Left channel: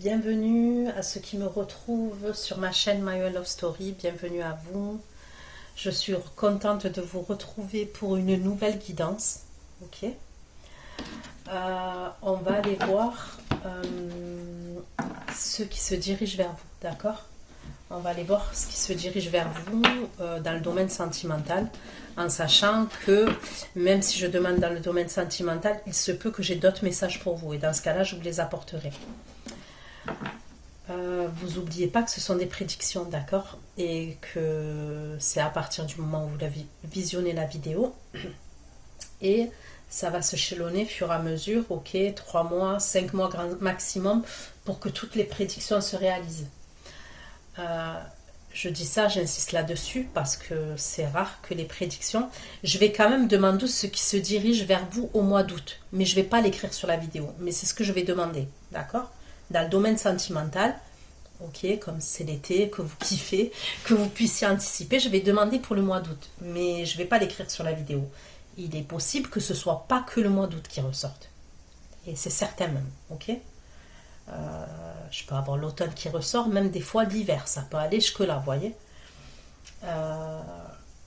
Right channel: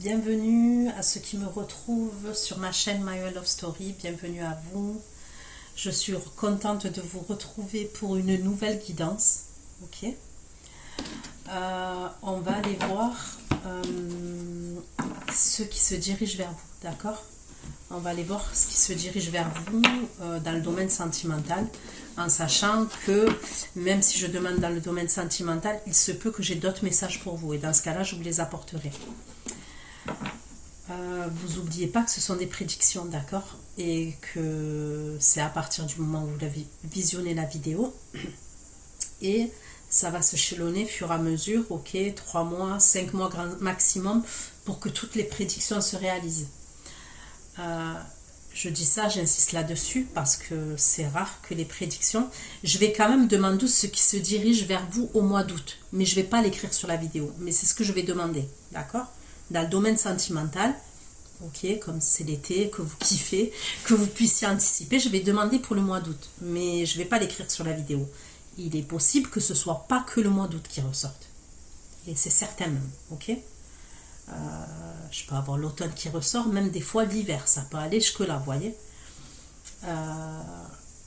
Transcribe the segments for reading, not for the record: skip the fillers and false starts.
Bienvenue à ceux qui me retrouvent sur ma chaîne My Way Love Story, bienvenue à vous. Je suis contente de vous retrouver pour une nouvelle guidance. Ok. On va aller voir ceux qui se dirigent vers vous, d'accord? On va aller voir ce qui se dirige vers vous dans le domaine sentimental, en sachant que même si je demande dans le domaine sentimental, il se peut que j'ai d'autres messages pour vous, et dans ce cas-là, je vous les apporterai. Vous n'oubliez pas que ce sont des prédictions, d'accord? Et que c'est à partir du moment où vous avez visionné la vidéo. Et ça va se chelonner au fur et à mesure, ok? 3 mois, 5 mois grand maximum pour que toutes les prédictions se réalisent. Je dis ça, j'insiste là-dessus parce que c'est rare que les prédictions... Je vais quand même demander ce qui se dirige vers vous au mois d'août. Mais je ne vais pas l'écrire sur la vidéo. Mais c'est ce que je vais demander, d'accord? Dans le domaine sentimental, ok, comme c'est l'été, que vous kiffez, que vous puissiez anticiper, je vais demander pour le mois d'août, mais je ne vais pas l'écrire sur la vidéo. Il est possible que ce ne soit pas que le mois d'août qui ressorte. Et c'est certain même, ok. Je peux avoir l'automne qui ressort, même des fois l'hiver, ça peut aller jusque-là, vous voyez.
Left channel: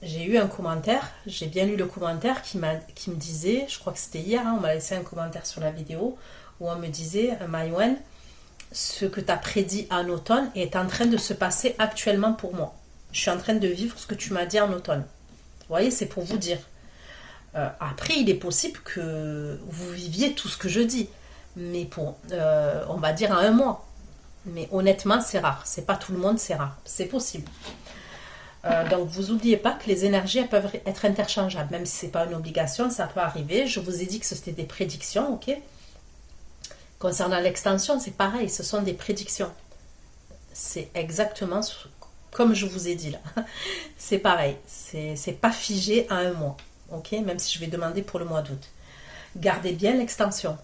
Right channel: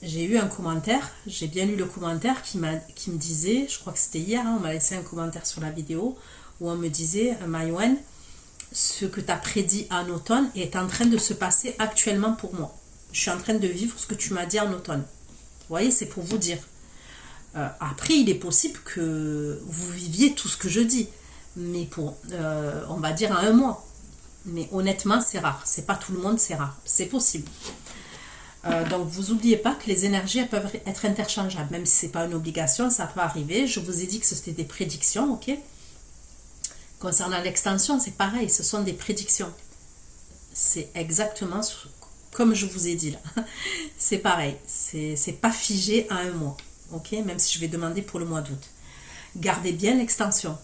J'ai eu un commentaire, j'ai bien lu le commentaire qui me disait, je crois que c'était hier, hein, on m'a laissé un commentaire sur la vidéo, où on me disait, Maïwen, ce que tu as prédit en automne est en train de se passer actuellement pour moi. Je suis en train de vivre ce que tu m'as dit en automne. Vous voyez, c'est pour vous dire. Après, il est possible que vous viviez tout ce que je dis. Mais pour, on va dire, en un mois. Mais honnêtement, c'est rare. C'est pas tout le monde, c'est rare. C'est possible. Donc, vous n'oubliez pas que les énergies elles peuvent être interchangeables. Même si ce n'est pas une obligation, ça peut arriver. Je vous ai dit que c'était des prédictions, ok? Concernant l'extension, c'est pareil, ce sont des prédictions. C'est exactement comme je vous ai dit là. C'est pareil, c'est pas figé à un mois. Ok, même si je vais demander pour le mois d'août. Gardez bien l'extension.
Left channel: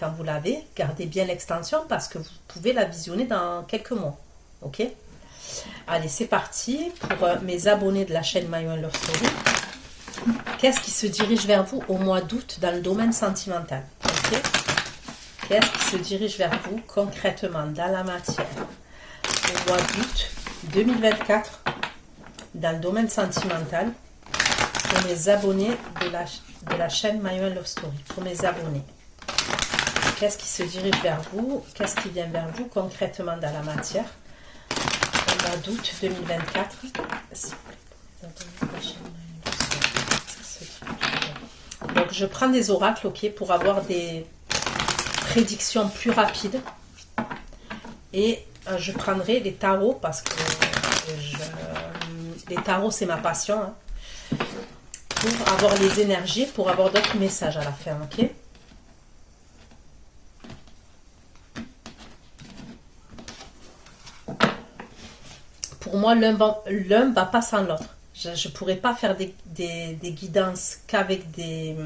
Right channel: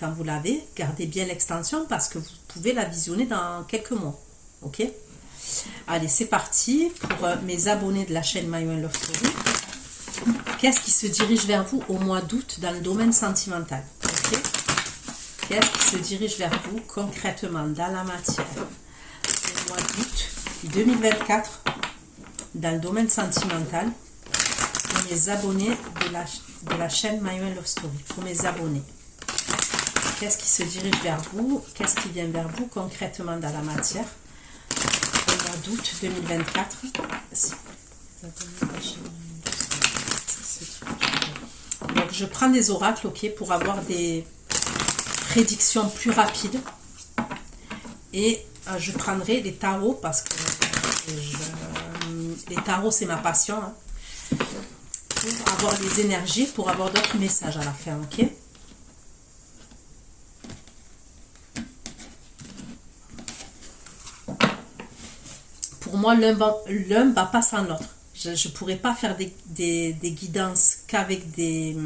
Quand vous l'avez, gardez bien l'extension parce que vous pouvez la visionner dans quelques mois. Ok. Allez, c'est parti pour mes abonnés de la chaîne My Way Love Story. Qu'est-ce qui se dirige vers vous au mois d'août dans le domaine sentimental? Ok. Qu'est-ce qui se dirige vers vous concrètement dans la matière au mois d'août 2024 dans le domaine sentimental pour mes abonnés de la chaîne My Way Love Story, pour mes abonnés. Qu'est-ce qui se dirige vers vous? Qu'est-ce qui vient vers vous concrètement dans la matière au mois d'août 2024? Donc je prends des oracles, ok, pour avoir des prédictions plus rapides, et je prendrai les tarots parce que les tarots c'est ma passion, hein, pour avoir les énergies, pour avoir d'autres messages à la fin, ok. Pour moi l'un va pas sans l'autre. Je ne pourrais pas faire des guidances qu'avec des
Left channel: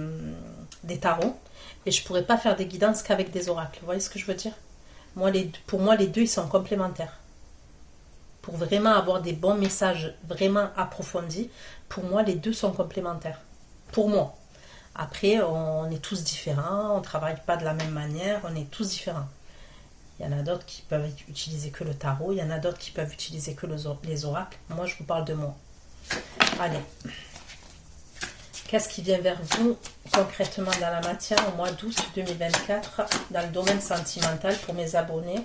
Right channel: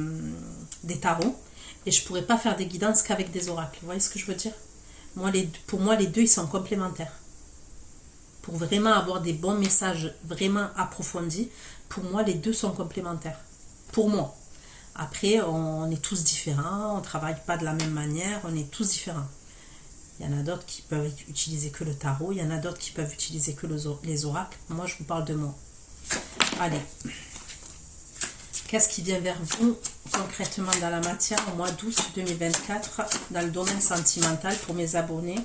tarots. Et je ne pourrais pas faire des guidances qu'avec des oracles. Vous voyez ce que je veux dire? Pour moi, les deux, ils sont complémentaires. Pour vraiment avoir des bons messages vraiment approfondis, pour moi, les deux sont complémentaires. Pour moi. Après, on est tous différents, on ne travaille pas de la même manière, on est tous différents. Il y en a d'autres qui peuvent utiliser que le tarot, il y en a d'autres qui peuvent utiliser que les oracles. Moi, je vous parle de moi. Allez. Qu'est-ce qui vient vers vous concrètement dans la matière au mois d'août 2024 dans le domaine sentimental pour mes abonnés?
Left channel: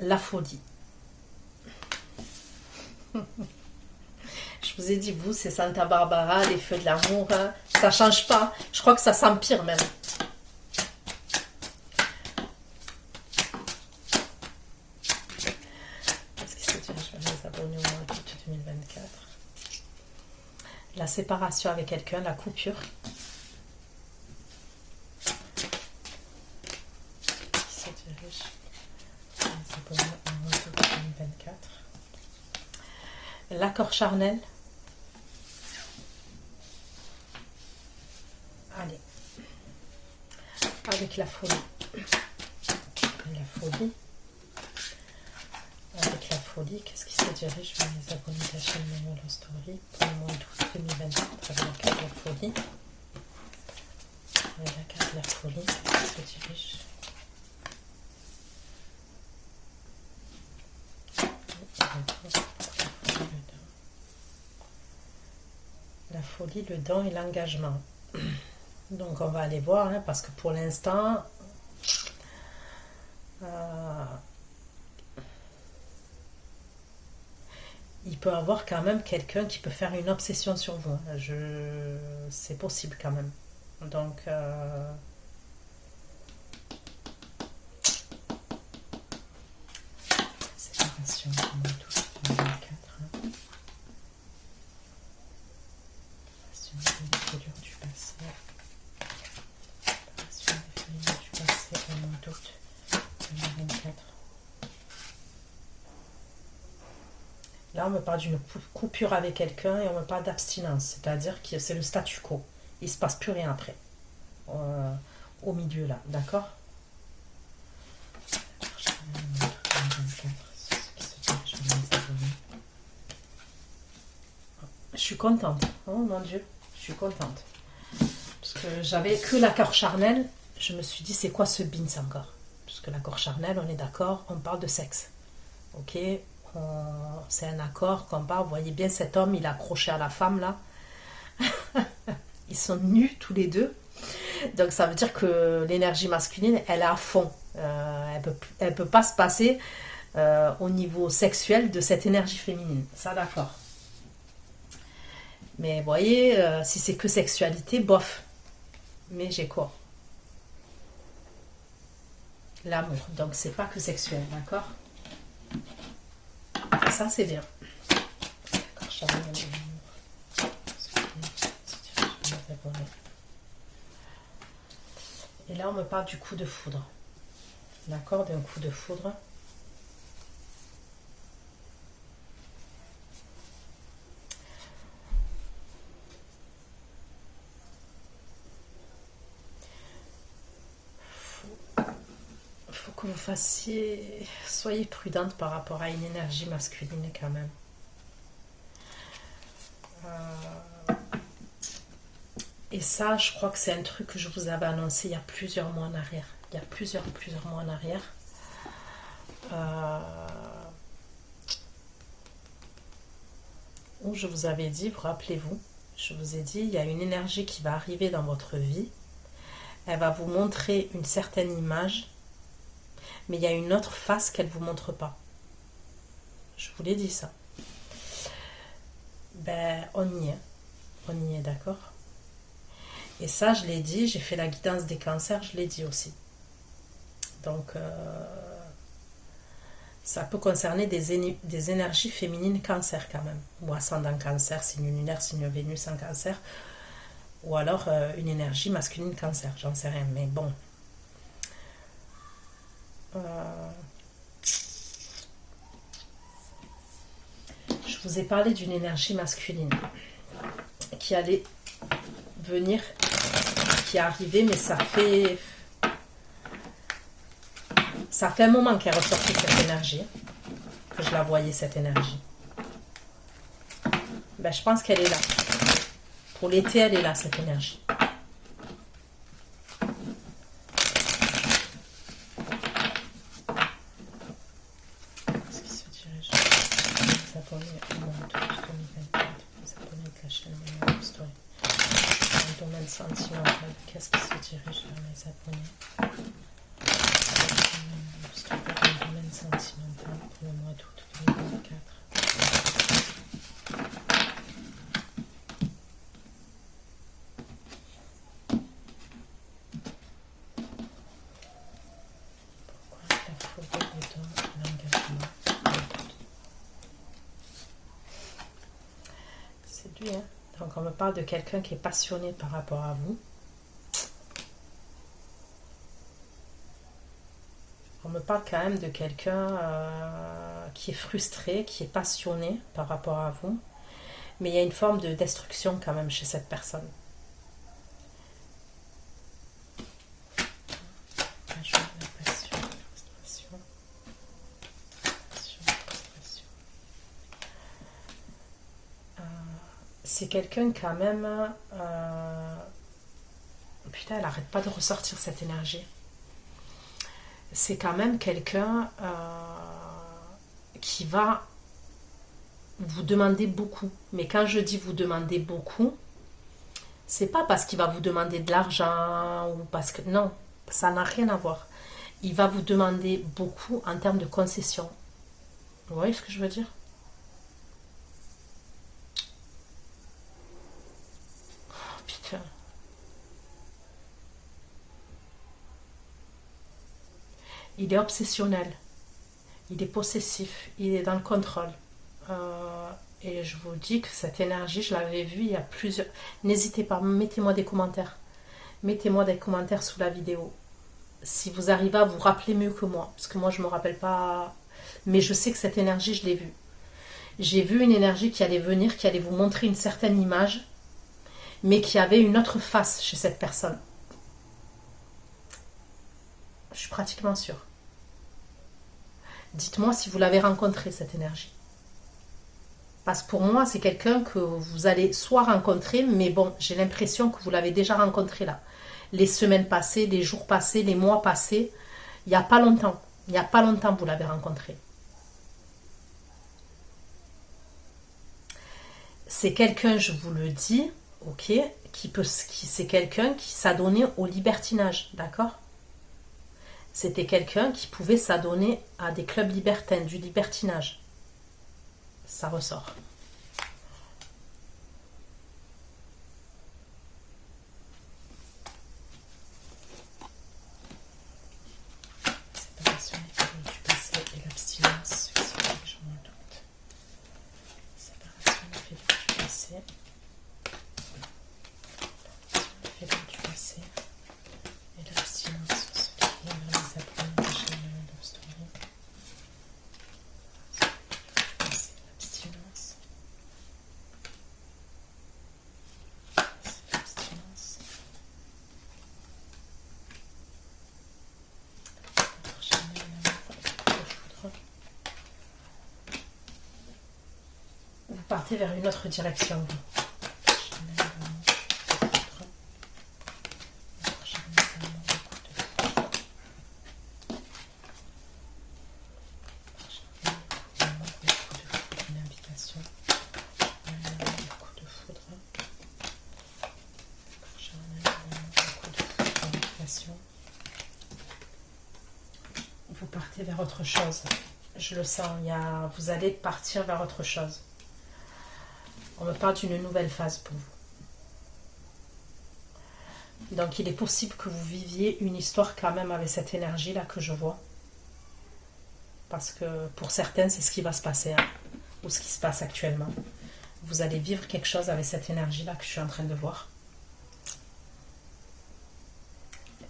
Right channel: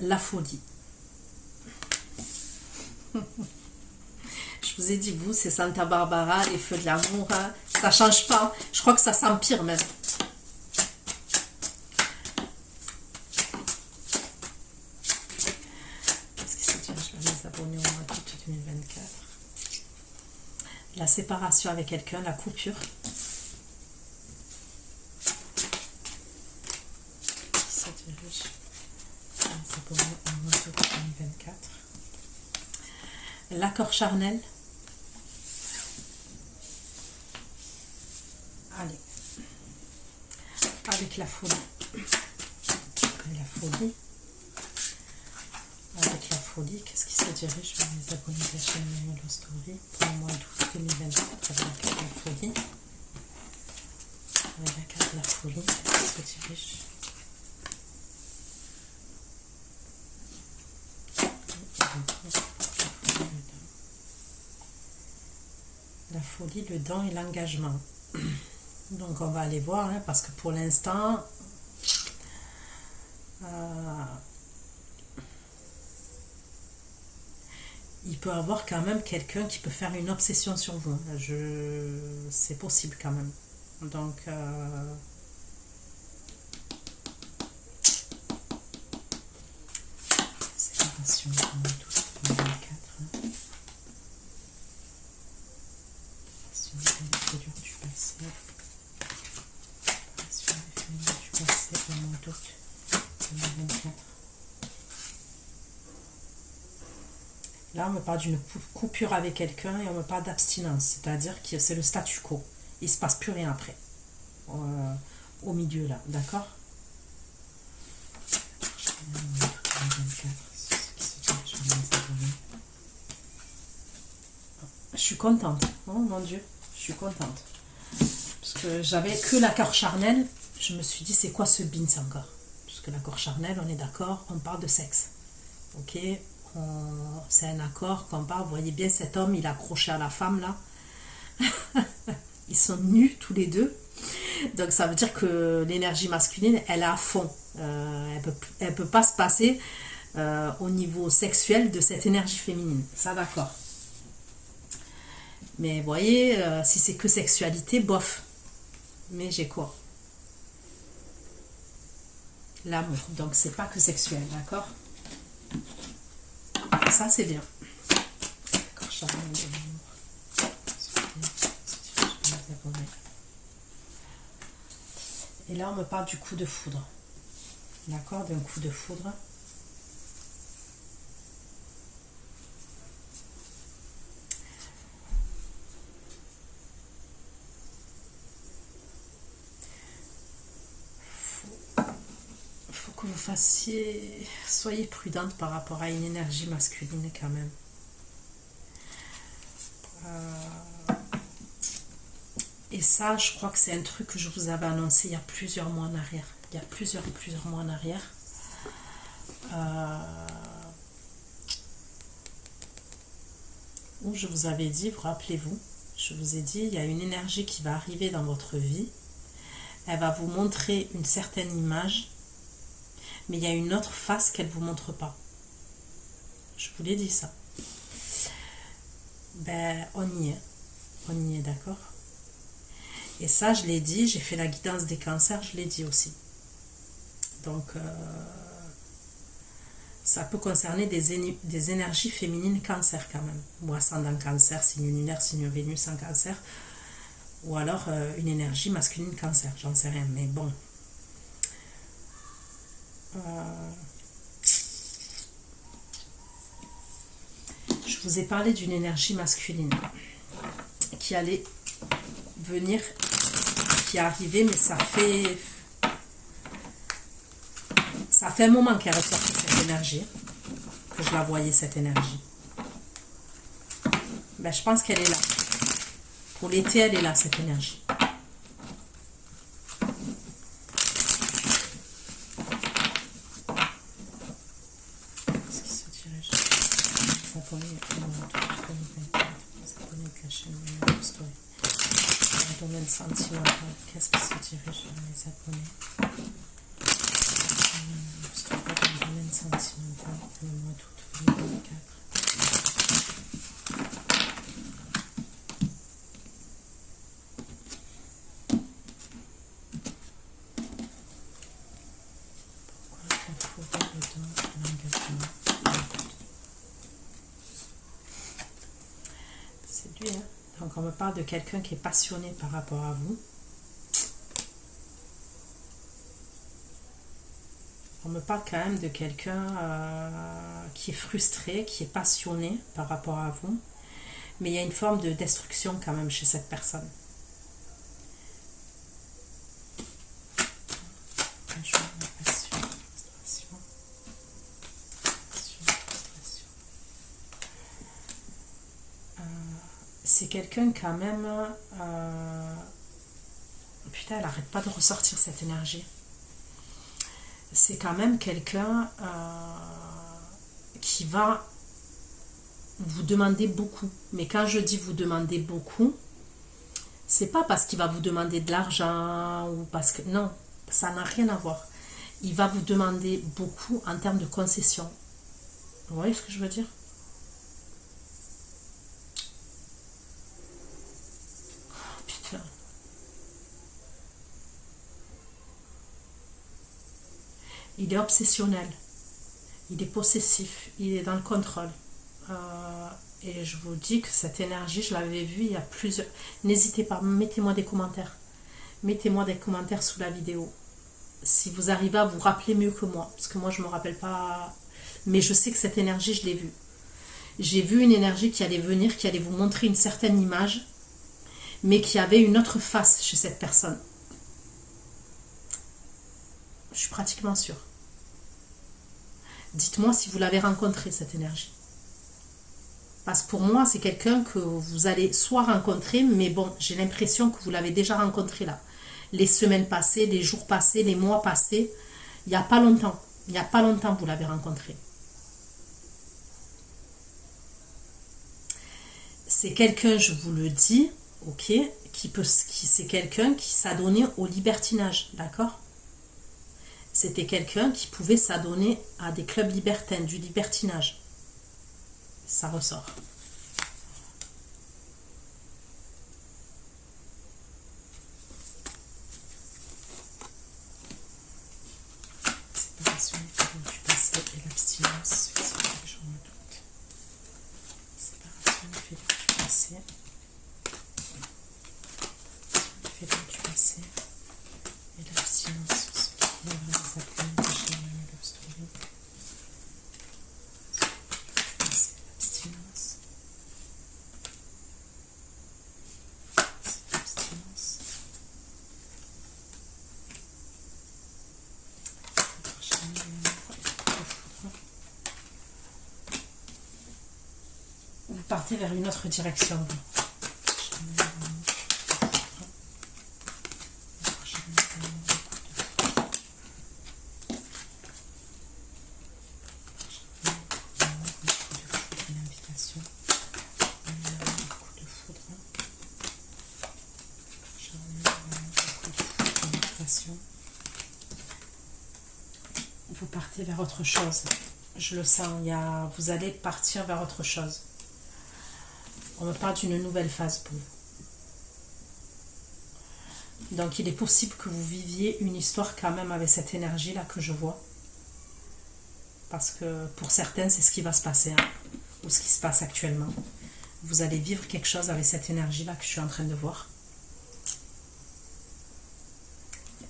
La folie. Je vous ai dit, vous, c'est Santa Barbara, les feux de l'amour. Hein. Ça ne change pas. Je crois que ça s'empire même. Qu'est-ce qui se dirige vers mes abonnés au mois d'août 2024? La séparation avec quelqu'un, la coupure. Qui se dirige vers les abonnés au mois d'août 2024. L'accord charnel. Allez. Avec la folie. La folie. Avec la folie, qu'est-ce qui se dirige vers les abonnés de la chaîne My Way Love Story pour le mois d'août 2024 avec la carte de la folie? Avec la carte de la folie, qu'est-ce qui se dirige? l'envie, le don et l'engagement. Donc on va aller voir, hein, parce que pour l'instant, il peut y avoir quand même quelqu'un qui peut faire une obsession sur vous. C'est possible quand même. Donc, séparation, tout, 24, hein. Séparation des du passé. Séparation des féminines du passé, au mois d'août 2024. Là, on me parle d'une coupure avec quelqu'un et on me parle d'abstinence, c'est-à-dire que c'est le statu quo. Il ne se passe plus rien après, au milieu là, d'accord? Je suis contente, oh mon Dieu, je suis contente. Parce que j'avais que l'accord charnel, je me suis dit c'est quoi ce bins encore? Parce que l'accord charnel, on est d'accord, on parle de sexe, ok? C'est un accord qu'on parle, vous voyez bien cet homme, il est accroché à la femme là. Ils sont nus tous les deux. Donc ça veut dire que l'énergie masculine, elle est à fond. Elle peut pas se passer au niveau sexuel de cette énergie féminine. Ça, d'accord. Mais vous voyez, si c'est que sexualité, bof. Mais j'ai quoi? L'amour. Donc c'est pas que sexuel, d'accord? Ça, c'est bien. Et là, on me parle du coup de foudre. D'accord? D'un coup de foudre. Faut que vous soyez prudente par rapport à une énergie masculine quand même. Et ça, je crois que c'est un truc que je vous avais annoncé il y a plusieurs mois en arrière. Il y a plusieurs mois en arrière. Où je vous avais dit, vous rappelez-vous, je vous ai dit, il y a une énergie qui va arriver dans votre vie. Elle va vous montrer une certaine image, mais il y a une autre face qu'elle ne vous montre pas. Je vous l'ai dit ça. Ben, on y est, d'accord? Et ça, je l'ai dit, j'ai fait la guidance des cancers, je l'ai dit aussi. Donc, ça peut concerner des énergies féminines cancer quand même. Ou ascendant cancer, signe lunaire, signe Vénus en cancer. Ou alors une énergie masculine cancer, j'en sais rien. Mais bon. Je vous ai parlé d'une énergie masculine qui allait venir, qui est arrivée, mais ça fait un moment qu'elle est ressortie cette énergie, que je la voyais cette énergie. Ben, je pense qu'elle est là. Pour l'été, elle est là, cette énergie. Qu'est-ce qui se dirige vers les Japonais? Le domaine sentimental pour le mois d'août 2024. Pourquoi la forêt dedans l'engagement? C'est lui, hein? Donc on me parle de quelqu'un qui est passionné par rapport à vous. On me parle quand même de quelqu'un qui est frustré, qui est passionné par rapport à vous. Mais il y a une forme de destruction quand même chez cette personne. C'est quelqu'un quand même... Putain, elle n'arrête pas de ressortir cette énergie. C'est quand même quelqu'un qui va vous demander beaucoup. Mais quand je dis vous demander beaucoup, C'est pas parce qu'il va vous demander de l'argent ou parce que... Non, ça n'a rien à voir. Il va vous demander beaucoup en termes de concessions. Vous voyez ce que je veux dire? Oh, putain. Il est obsessionnel. Il est possessif. Il est dans le contrôle. Et je vous dis que cette énergie, je l'avais vue il y a plusieurs... N'hésitez pas, mettez-moi des commentaires. Mettez-moi des commentaires sous la vidéo. Si vous arrivez à vous rappeler mieux que moi. Parce que moi, je ne me rappelle pas... Mais je sais que cette énergie, je l'ai vue. J'ai vu une énergie qui allait venir, qui allait vous montrer une certaine image, mais qui avait une autre face chez cette personne. Je suis pratiquement sûre. Dites-moi si vous l'avez rencontré, cette énergie. Parce que pour moi, c'est quelqu'un que vous allez soit rencontrer, mais bon, j'ai l'impression que vous l'avez déjà rencontré là. Les semaines passées, les jours passés, les mois passés, il n'y a pas longtemps. Il n'y a pas longtemps que vous l'avez rencontré. C'est quelqu'un, je vous le dis, ok, c'est quelqu'un qui s'adonnait au libertinage, d'accord? C'était quelqu'un qui pouvait s'adonner à des clubs libertins, du libertinage. Ça ressort. Séparation, du passé et l'abstinence. Séparation, du passé. Du passé et l'abstinence. Ce qui vient les appeler déjà love story. Vous partez vers une autre direction. Vous partez vers autre chose. Je le sens, vous allez partir vers autre chose. On me parle d'une nouvelle phase pour vous. Donc il est possible que vous viviez une histoire quand même avec cette énergie-là que je vois. Parce que pour certaines, c'est ce qui va se passer, hein, ou ce qui se passe actuellement. Vous allez vivre quelque chose avec cette énergie-là que je suis en train de voir.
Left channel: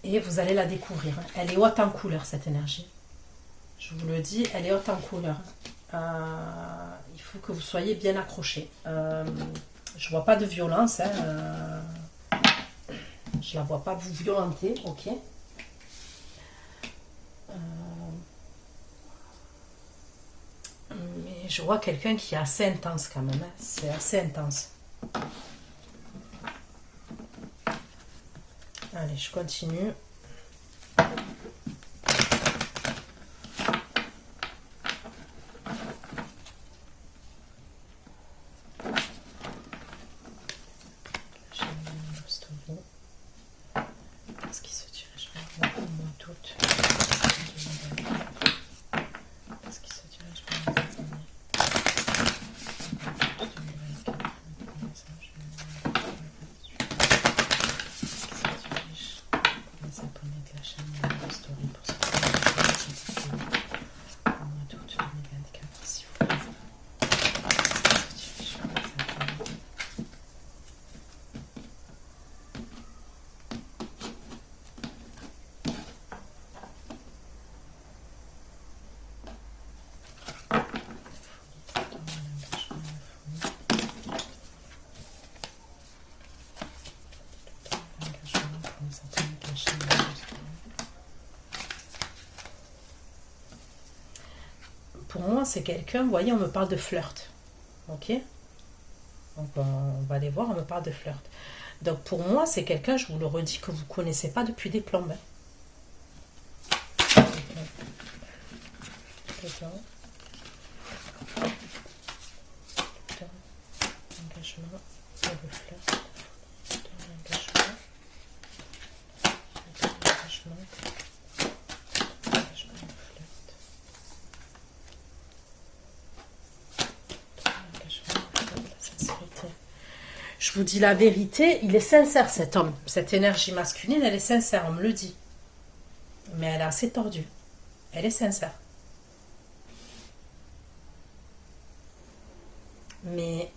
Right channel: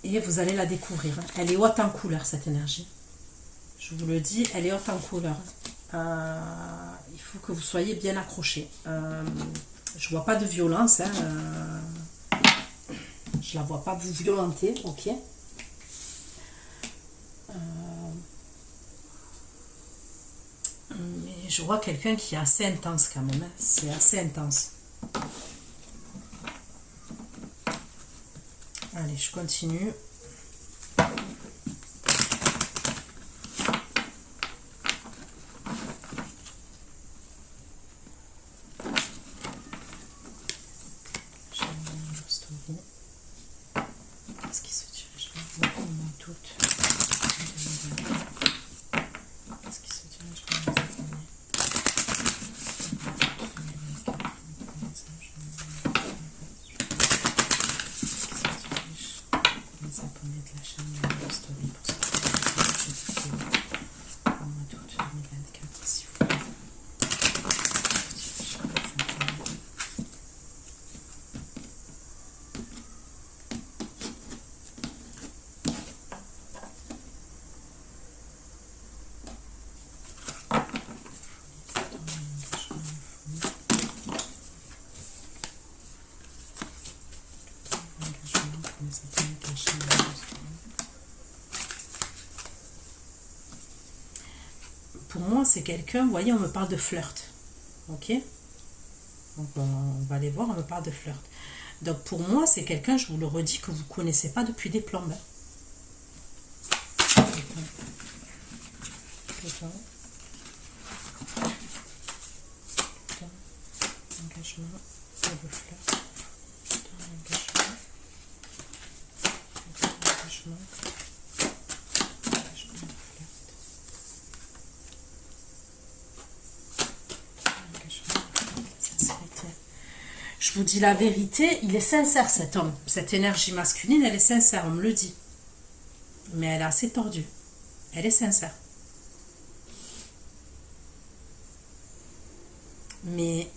Et vous allez la découvrir. Hein. Elle est haute en couleur, cette énergie. Je vous le dis, elle est haute en couleur. Il faut que vous soyez bien accrochés. Je vois pas de violence. Hein, je la vois pas vous violenter, ok. Mais je vois quelqu'un qui est assez intense quand même. Hein. C'est assez intense. Allez, je continue. Est-ce qu'il se dirige vers moi, moi toute. Est-ce qu'il se dirige vers les abonnés? Les abonnés de la chaîne Love Story pour se faire au mois d'août 2024, s'il vous plaît. Pour moi, c'est quelqu'un, vous voyez, on me parle de flirt. Ok? Donc, on va aller voir, on me parle de flirt. Donc, pour moi, c'est quelqu'un, je vous le redis, que vous ne connaissez pas depuis des plombes. Engagement, de flirt, vous dis la vérité, il est sincère cet homme. Cette énergie masculine, elle est sincère, on me le dit. Mais elle est assez tordue. Elle est sincère. Mais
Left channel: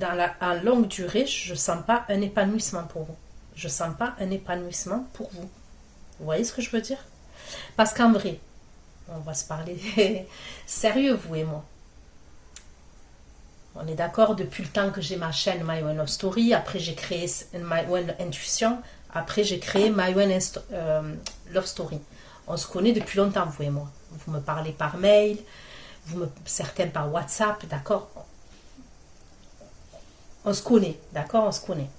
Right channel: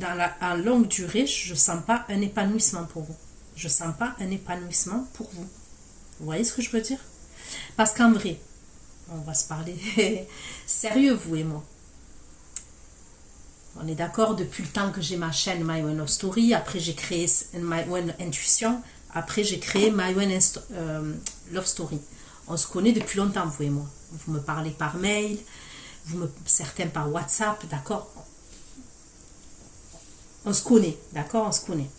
en longue durée, je ne sens pas un épanouissement pour vous. Je ne sens pas un épanouissement pour vous. Vous voyez ce que je veux dire? Parce qu'en vrai, on va se parler sérieux, vous et moi. On est d'accord, depuis le temps que j'ai ma chaîne My One Love Story, après j'ai créé My One Intuition, après j'ai créé My One Love Story. On se connaît depuis longtemps, vous et moi. Vous me parlez par mail, certains par WhatsApp, d'accord? On se connaît, d'accord? On se connaît.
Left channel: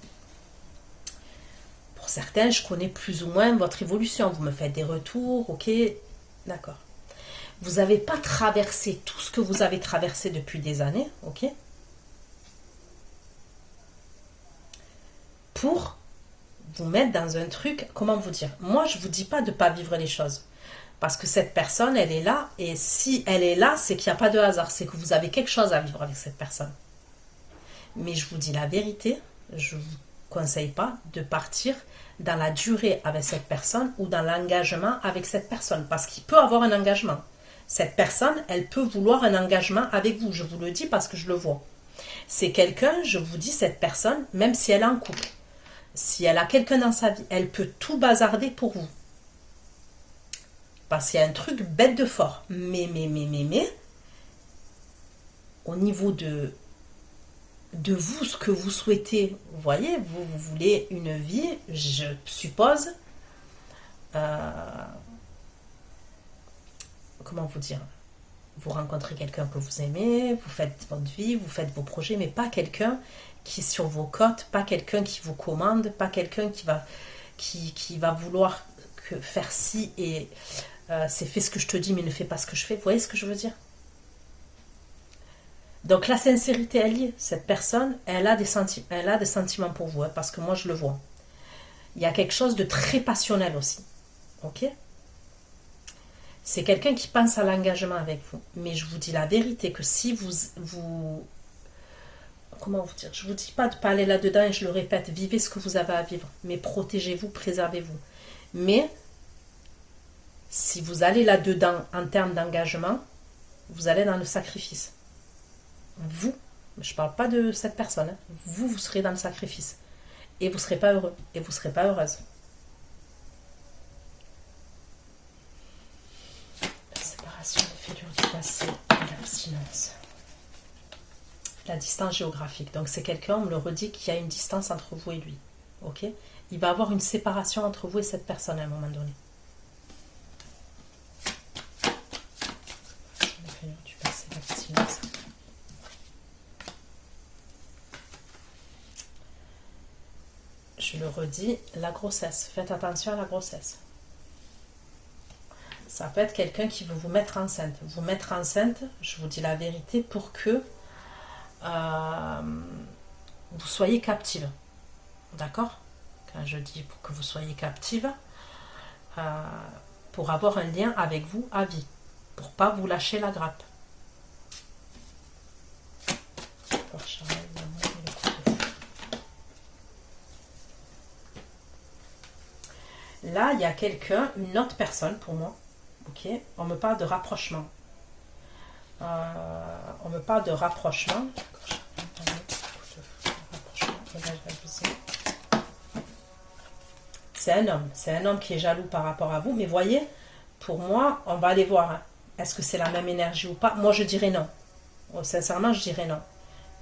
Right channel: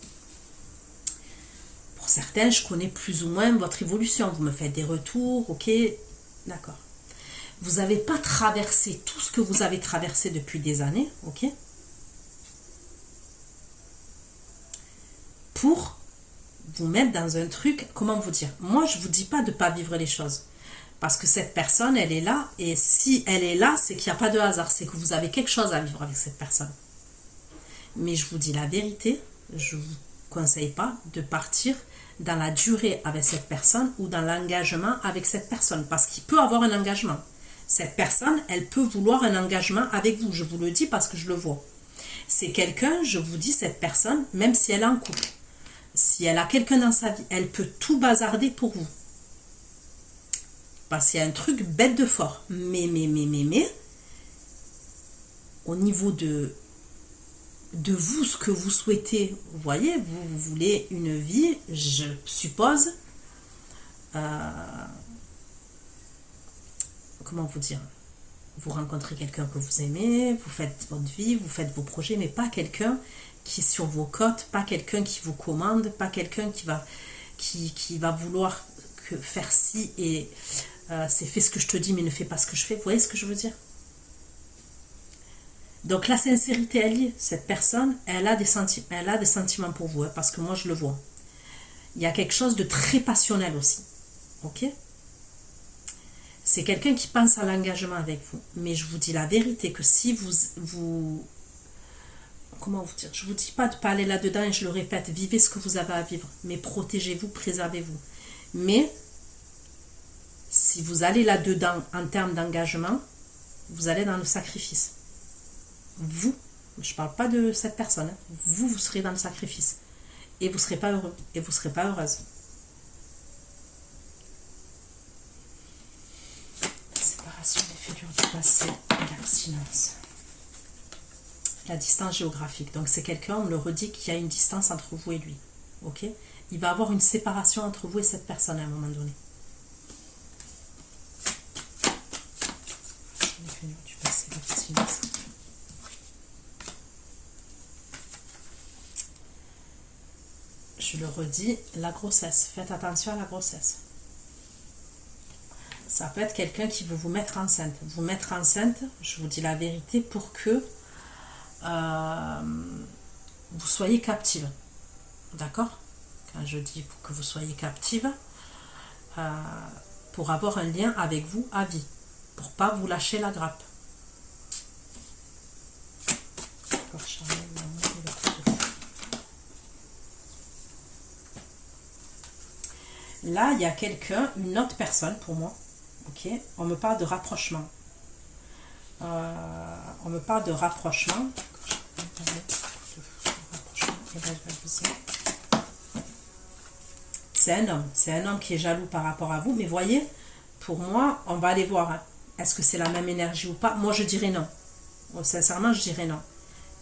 Pour certains, je connais plus ou moins votre évolution. Vous me faites des retours, ok? D'accord. Vous n'avez pas traversé tout ce que vous avez traversé depuis des années, ok? Pour vous mettre dans un truc, comment vous dire? Moi, je ne vous dis pas de ne pas vivre les choses. Parce que cette personne, elle est là. Et si elle est là, c'est qu'il n'y a pas de hasard. C'est que vous avez quelque chose à vivre avec cette personne. Mais je vous dis la vérité, je ne vous conseille pas de partir dans la durée avec cette personne ou dans l'engagement avec cette personne. Parce qu'il peut avoir un engagement. Cette personne, elle peut vouloir un engagement avec vous. Je vous le dis parce que je le vois. C'est quelqu'un, je vous dis, cette personne, même si elle est en couple, si elle a quelqu'un dans sa vie, elle peut tout bazarder pour vous. Parce qu'il y a un truc bête de fort. Mais, au niveau de vous, ce que vous souhaitez, vous voyez, vous voulez une vie, je suppose, comment vous dire, vous rencontrez quelqu'un que vous aimez, vous faites votre vie, vous faites vos projets, mais pas quelqu'un qui est sur vos côtes, pas quelqu'un qui vous commande, pas quelqu'un qui va vouloir faire ci et c'est fais ce que je te dis mais ne fais pas ce que je fais. Vous voyez ce que je veux dire? Donc la sincérité, elle y est. Cette personne, elle a des sentiments pour vous, hein, parce que moi je le vois. Il y a quelque chose de très passionnel aussi. Ok? C'est quelqu'un qui pense à l'engagement avec vous. Mais je vous dis la vérité que si vous comment vous dire, je ne vous dis pas de ne pas aller là-dedans et je le répète, vivez ce que vous avez à vivre, mais protégez-vous, préservez-vous. Mais si vous allez là-dedans en termes d'engagement, vous allez dans le sacrifice. Vous, je ne parle pas de cette personne, hein, vous serez dans le sacrifice. Et vous ne serez pas heureux, et vous ne serez pas heureuse. La séparation des figures du passé et l'abstinence. La distance géographique. Donc c'est quelqu'un, on me le redit, qu'il y a une distance entre vous et lui. Ok? Il va y avoir une séparation entre vous et cette personne à un moment donné. Du passé, l'abstinence. Je le redis, la grossesse. Faites attention à la grossesse. Ça peut être quelqu'un qui veut vous mettre enceinte. Vous mettre enceinte, je vous dis la vérité, pour que vous soyez captive. D'accord? Quand je dis pour que vous soyez captive, pour avoir un lien avec vous à vie. Pour pas vous lâcher la grappe. Là, il y a quelqu'un, une autre personne pour moi. Ok, on me parle de rapprochement. On me parle de rapprochement. C'est un homme qui est jaloux par rapport à vous. Mais voyez, pour moi, on va aller voir. Hein. Est-ce que c'est la même énergie ou pas? Moi, je dirais non. Sincèrement, je dirais non.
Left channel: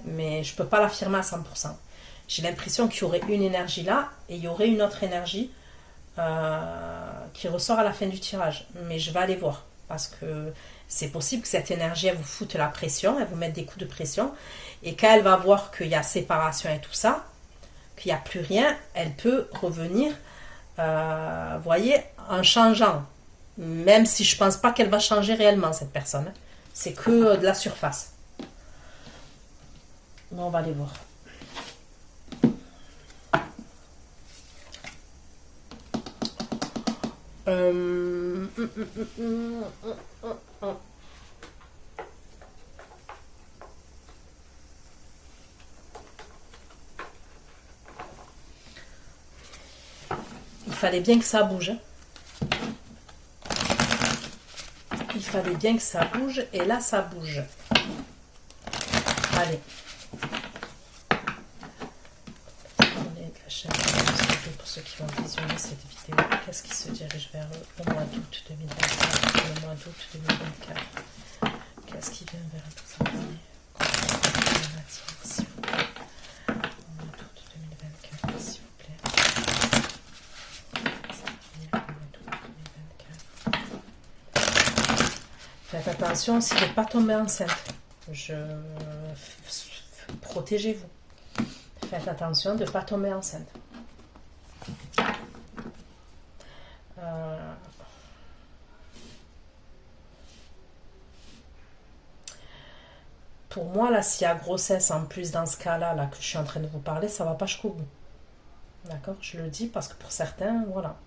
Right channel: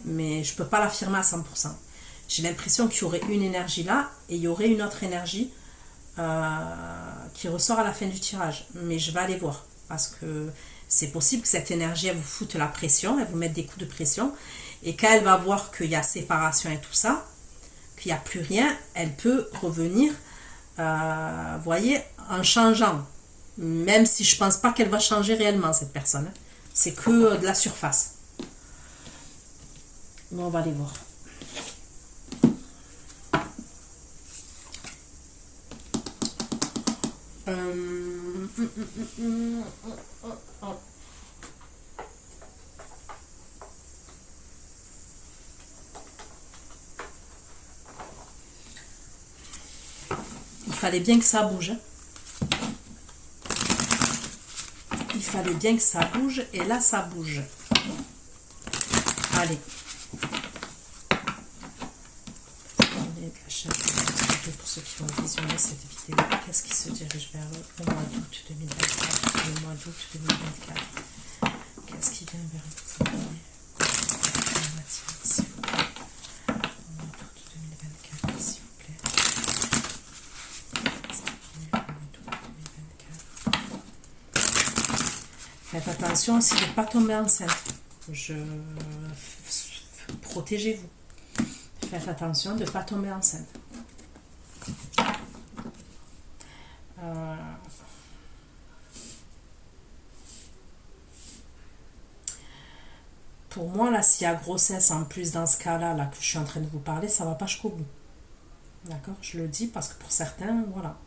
Mais je ne peux pas l'affirmer à 100%. J'ai l'impression qu'il y aurait une énergie là et il y aurait une autre énergie qui ressort à la fin du tirage. Mais je vais aller voir. Parce que c'est possible que cette énergie, elle vous foute la pression, elle vous mette des coups de pression. Et quand elle va voir qu'il y a séparation et tout ça, qu'il n'y a plus rien, elle peut revenir, vous voyez, en changeant. Même si je ne pense pas qu'elle va changer réellement, cette personne. C'est que de la surface. On va aller voir. fallait bien que ça bouge. Il fallait bien que ça bouge. Et là, ça bouge. Allez. Pour ceux qui vont visionner cette vidéo, qu'est-ce qui se dirige vers le mois d'août 2024? Le mois d'août 2024. Qu'est-ce qui vient vers cette année? S'il vous plaît. Le mois d'août 2024, s'il vous plaît. Faites attention aussi de ne pas tomber enceinte. Protégez-vous. Faites attention de ne pas tomber enceinte. Pour moi, là, s'il y a grossesse, en plus dans ce cas-là là, que je suis en train de vous parler, ça ne va pas jusqu'au bout. D'accord? Je le dis parce que pour certains, voilà.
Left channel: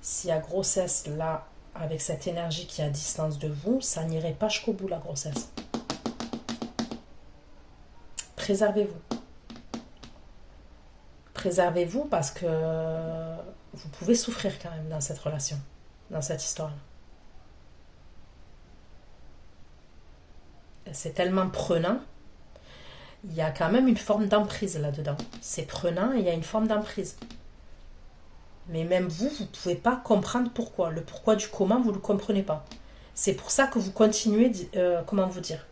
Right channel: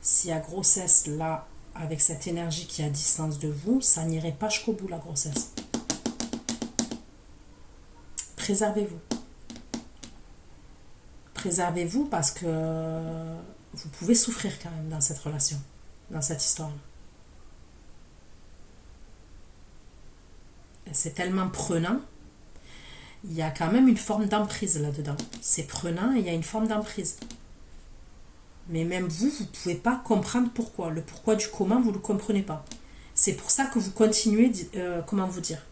S'il y a grossesse, là, avec cette énergie qui est à distance de vous, ça n'irait pas jusqu'au bout, la grossesse. Préservez-vous. Préservez-vous parce que vous pouvez souffrir quand même dans cette relation, dans cette histoire-là. C'est tellement prenant, il y a quand même une forme d'emprise là-dedans. C'est prenant et il y a une forme d'emprise. Mais même vous ne pouvez pas comprendre pourquoi. Le pourquoi du comment, vous ne le comprenez pas. C'est pour ça que vous continuez, comment vous dire.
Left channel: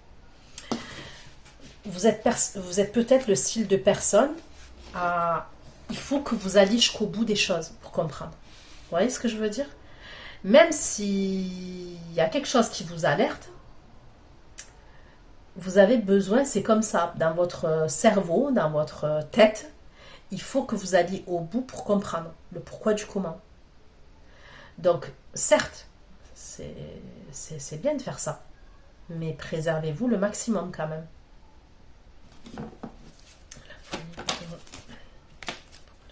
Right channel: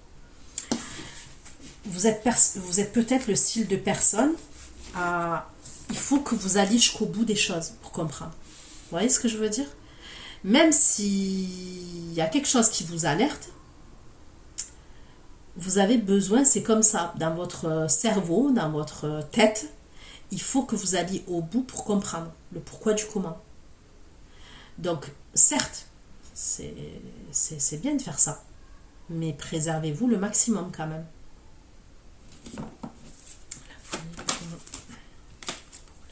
Vous êtes peut-être le style de personne, il faut que vous alliez jusqu'au bout des choses pour comprendre. Vous voyez ce que je veux dire? Même s'il y a quelque chose qui vous alerte, vous avez besoin, c'est comme ça, dans votre cerveau, dans votre tête, il faut que vous alliez au bout pour comprendre le pourquoi du comment. Donc, certes, c'est bien de faire ça, mais préservez-vous le maximum quand même. La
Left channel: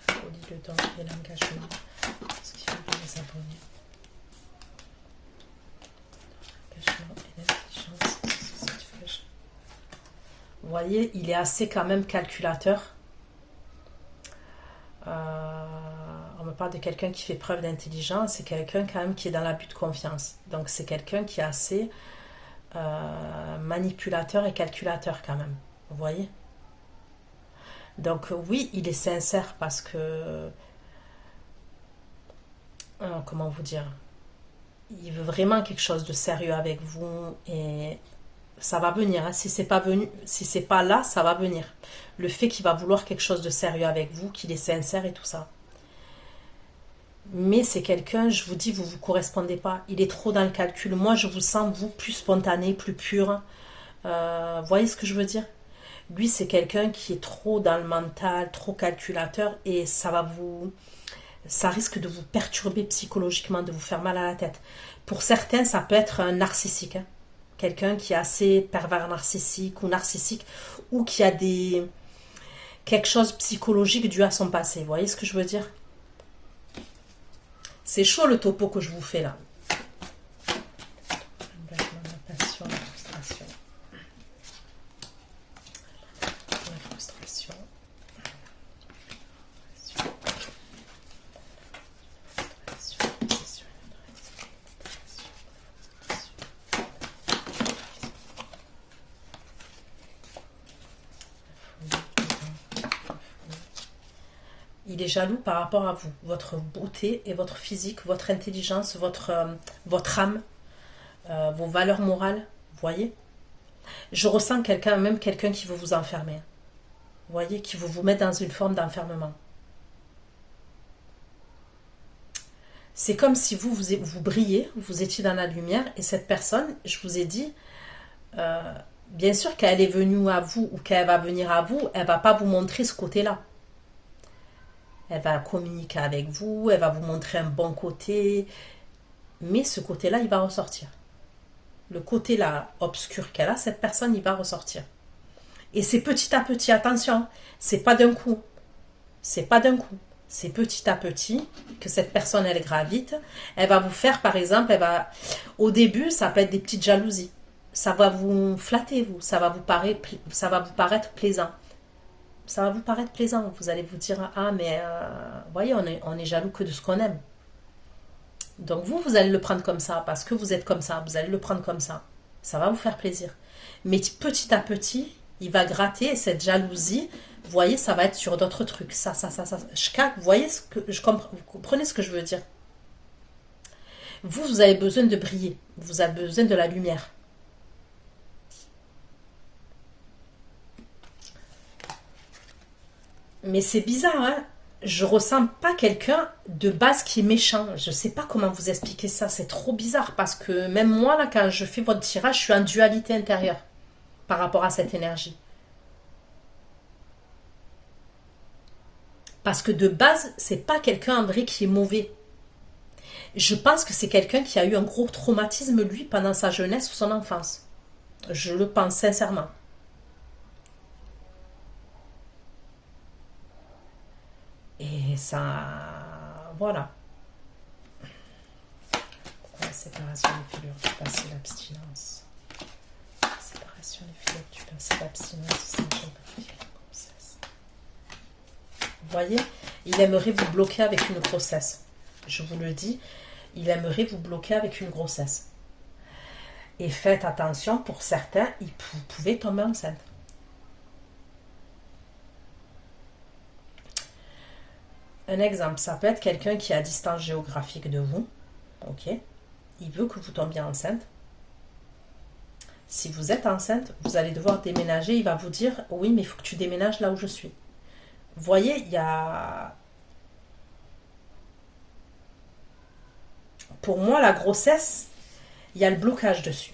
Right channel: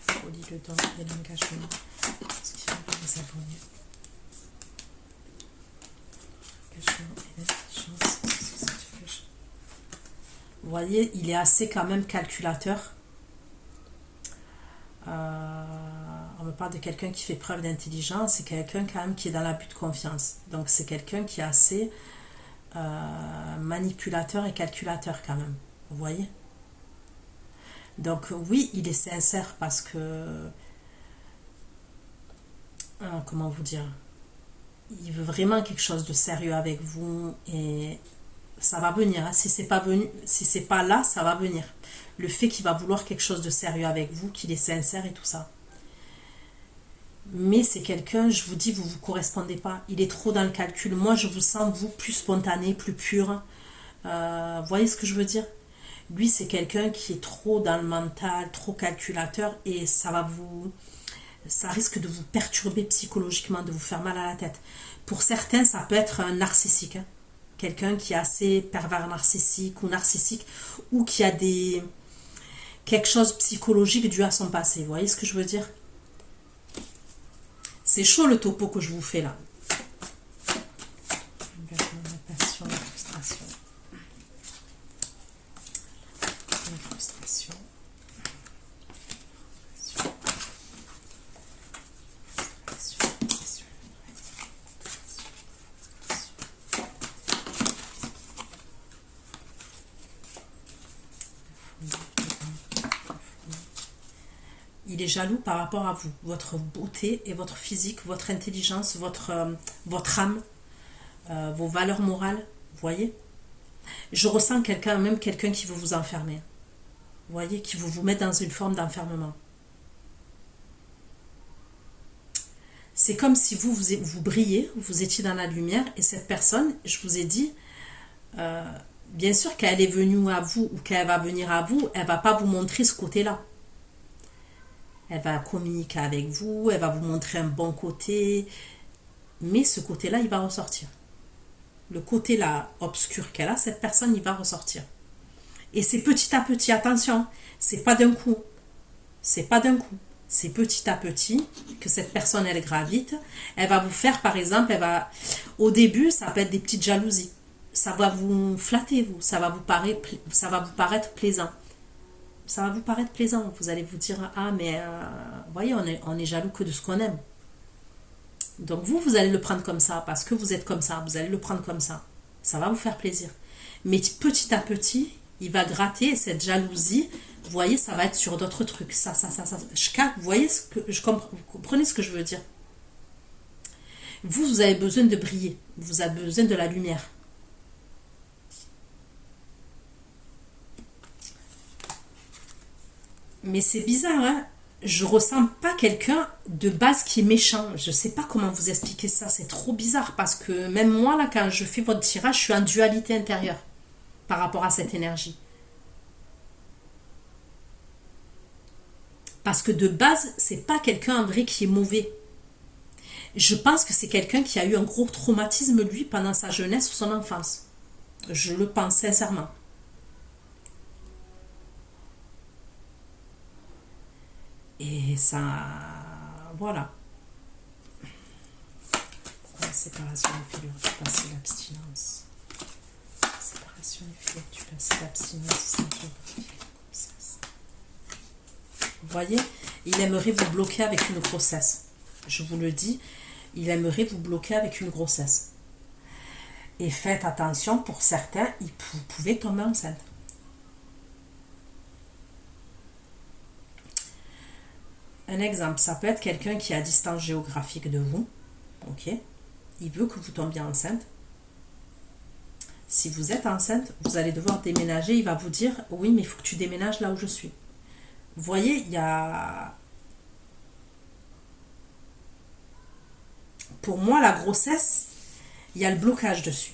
folie, le temps et l'engagement. Ce qui fait les abonnés. L'engagement et l'intelligence. Vous voyez, il est assez quand même calculateur. On me parle de quelqu'un qui fait preuve d'intelligence. C'est quelqu'un quand même qui est dans l'abus de confiance. Donc c'est quelqu'un qui est assez manipulateur et calculateur quand même. Vous voyez? Donc oui, il est sincère parce que... comment vous dire? Il veut vraiment quelque chose de sérieux avec vous et... ça va venir, hein. Si c'est pas venu, si c'est pas là, ça va venir. Le fait qu'il va vouloir quelque chose de sérieux avec vous, qu'il est sincère et tout ça. Mais c'est quelqu'un, je vous dis, vous ne vous correspondez pas. Il est trop dans le calcul. Moi, je vous sens, vous, plus spontané, plus pur. Vous voyez ce que je veux dire? Lui, c'est quelqu'un qui est trop dans le mental, trop calculateur et ça risque de vous perturber psychologiquement, de vous faire mal à la tête. Pour certains, ça peut être un narcissique, hein. Quelqu'un qui est assez pervers narcissique ou qui a quelque chose de psychologique dû à son passé. Vous voyez ce que je veux dire? C'est chaud le topo que je vous fais là. L'engagement, la passion, la frustration. La frustration. Il est jaloux par rapport à vous, votre beauté et votre physique, votre intelligence, votre âme, vos valeurs morales, vous voyez? Je ressens même quelqu'un qui veut vous enfermer, vous voyez, qui veut vous mettre dans une forme d'enfermement. C'est comme si vous brillez, vous étiez dans la lumière et cette personne, je vous ai dit, bien sûr qu'elle est venue à vous ou qu'elle va venir à vous, elle ne va pas vous montrer ce côté-là. Elle va communiquer avec vous, elle va vous montrer un bon côté, mais ce côté-là, il va ressortir. Le côté-là obscur qu'elle a, cette personne, il va ressortir. Et c'est petit à petit, attention, c'est pas d'un coup. C'est pas d'un coup. C'est petit à petit que cette personne, elle gravite. Elle va vous faire, par exemple, au début, ça peut être des petites jalousies. Ça va vous flatter, ça va vous paraître plaisant. ça va vous paraître plaisant. Vous allez vous dire, ah, mais vous voyez, on est jaloux que de ce qu'on aime. Donc vous allez le prendre comme ça, parce que vous êtes comme ça, vous allez le prendre comme ça. Ça va vous faire plaisir. Mais petit à petit, il va gratter cette jalousie. Vous voyez, ça va être sur d'autres trucs. Ça. Vous voyez vous comprenez ce que je veux dire? Vous avez besoin de briller. Vous avez besoin de la lumière. Mais c'est bizarre, hein? Je ressens pas quelqu'un de base qui est méchant. Je sais pas comment vous expliquer ça. C'est trop bizarre parce que même moi, là, quand je fais votre tirage, je suis en dualité intérieure par rapport à cette énergie. Parce que de base, c'est pas quelqu'un en vrai qui est mauvais. Je pense que c'est quelqu'un qui a eu un gros traumatisme, lui, pendant sa jeunesse ou son enfance. Je le pense sincèrement. Et ça... Voilà. La séparation des filures du passé, l'abstinence. Séparation des filures du passé, l'abstinence. Vous voyez, il aimerait vous bloquer avec une grossesse. Je vous le dis, il aimerait vous bloquer avec une grossesse. Et faites attention, pour certains, vous pouvez tomber enceinte. Un exemple, ça peut être quelqu'un qui est à distance géographique de vous. Ok. Il veut que vous tombiez enceinte. Si vous êtes enceinte, vous allez devoir déménager. Il va vous dire, oui, mais il faut que tu déménages là où je suis. Vous voyez, il y a... Pour moi, la grossesse, il y a le blocage dessus.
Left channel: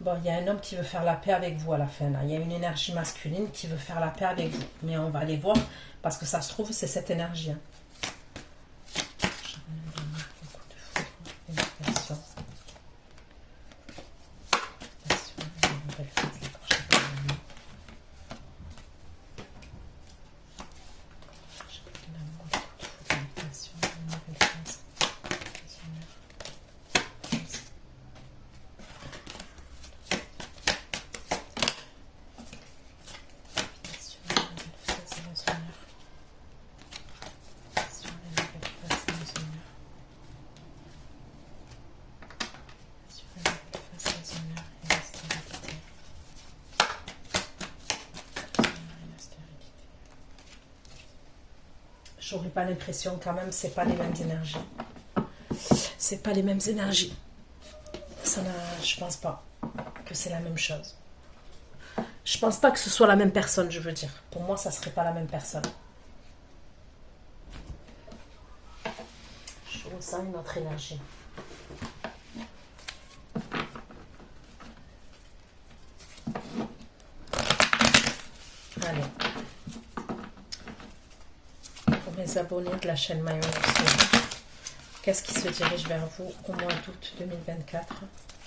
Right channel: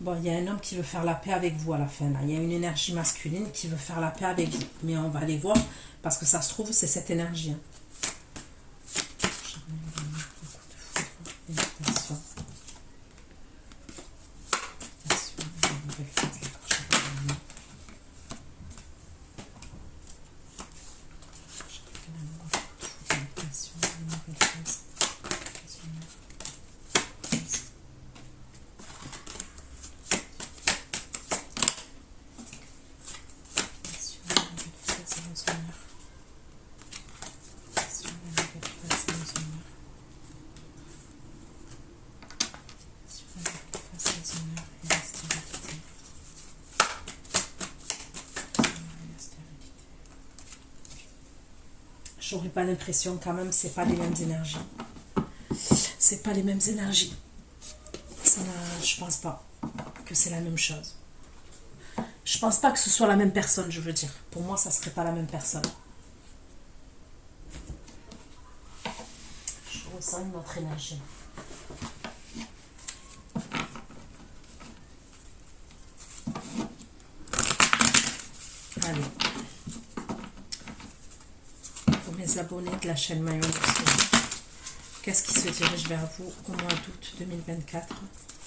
Bon, il y a un homme qui veut faire la paix avec vous à la fin. Là. Il y a une énergie masculine qui veut faire la paix avec vous. Mais on va aller voir parce que ça se trouve, c'est cette énergie. Hein. J'aurais pas l'impression quand même, c'est pas les mêmes énergies. C'est pas les mêmes énergies. Je pense pas que c'est la même chose. Je pense pas que ce soit la même personne, je veux dire. Pour moi, ça serait pas la même personne. Je ressens une autre énergie. Allez. Pour mes abonnés de la chaîne Mayon, qu'est-ce qui se dirige vers vous au mois d'août 2024?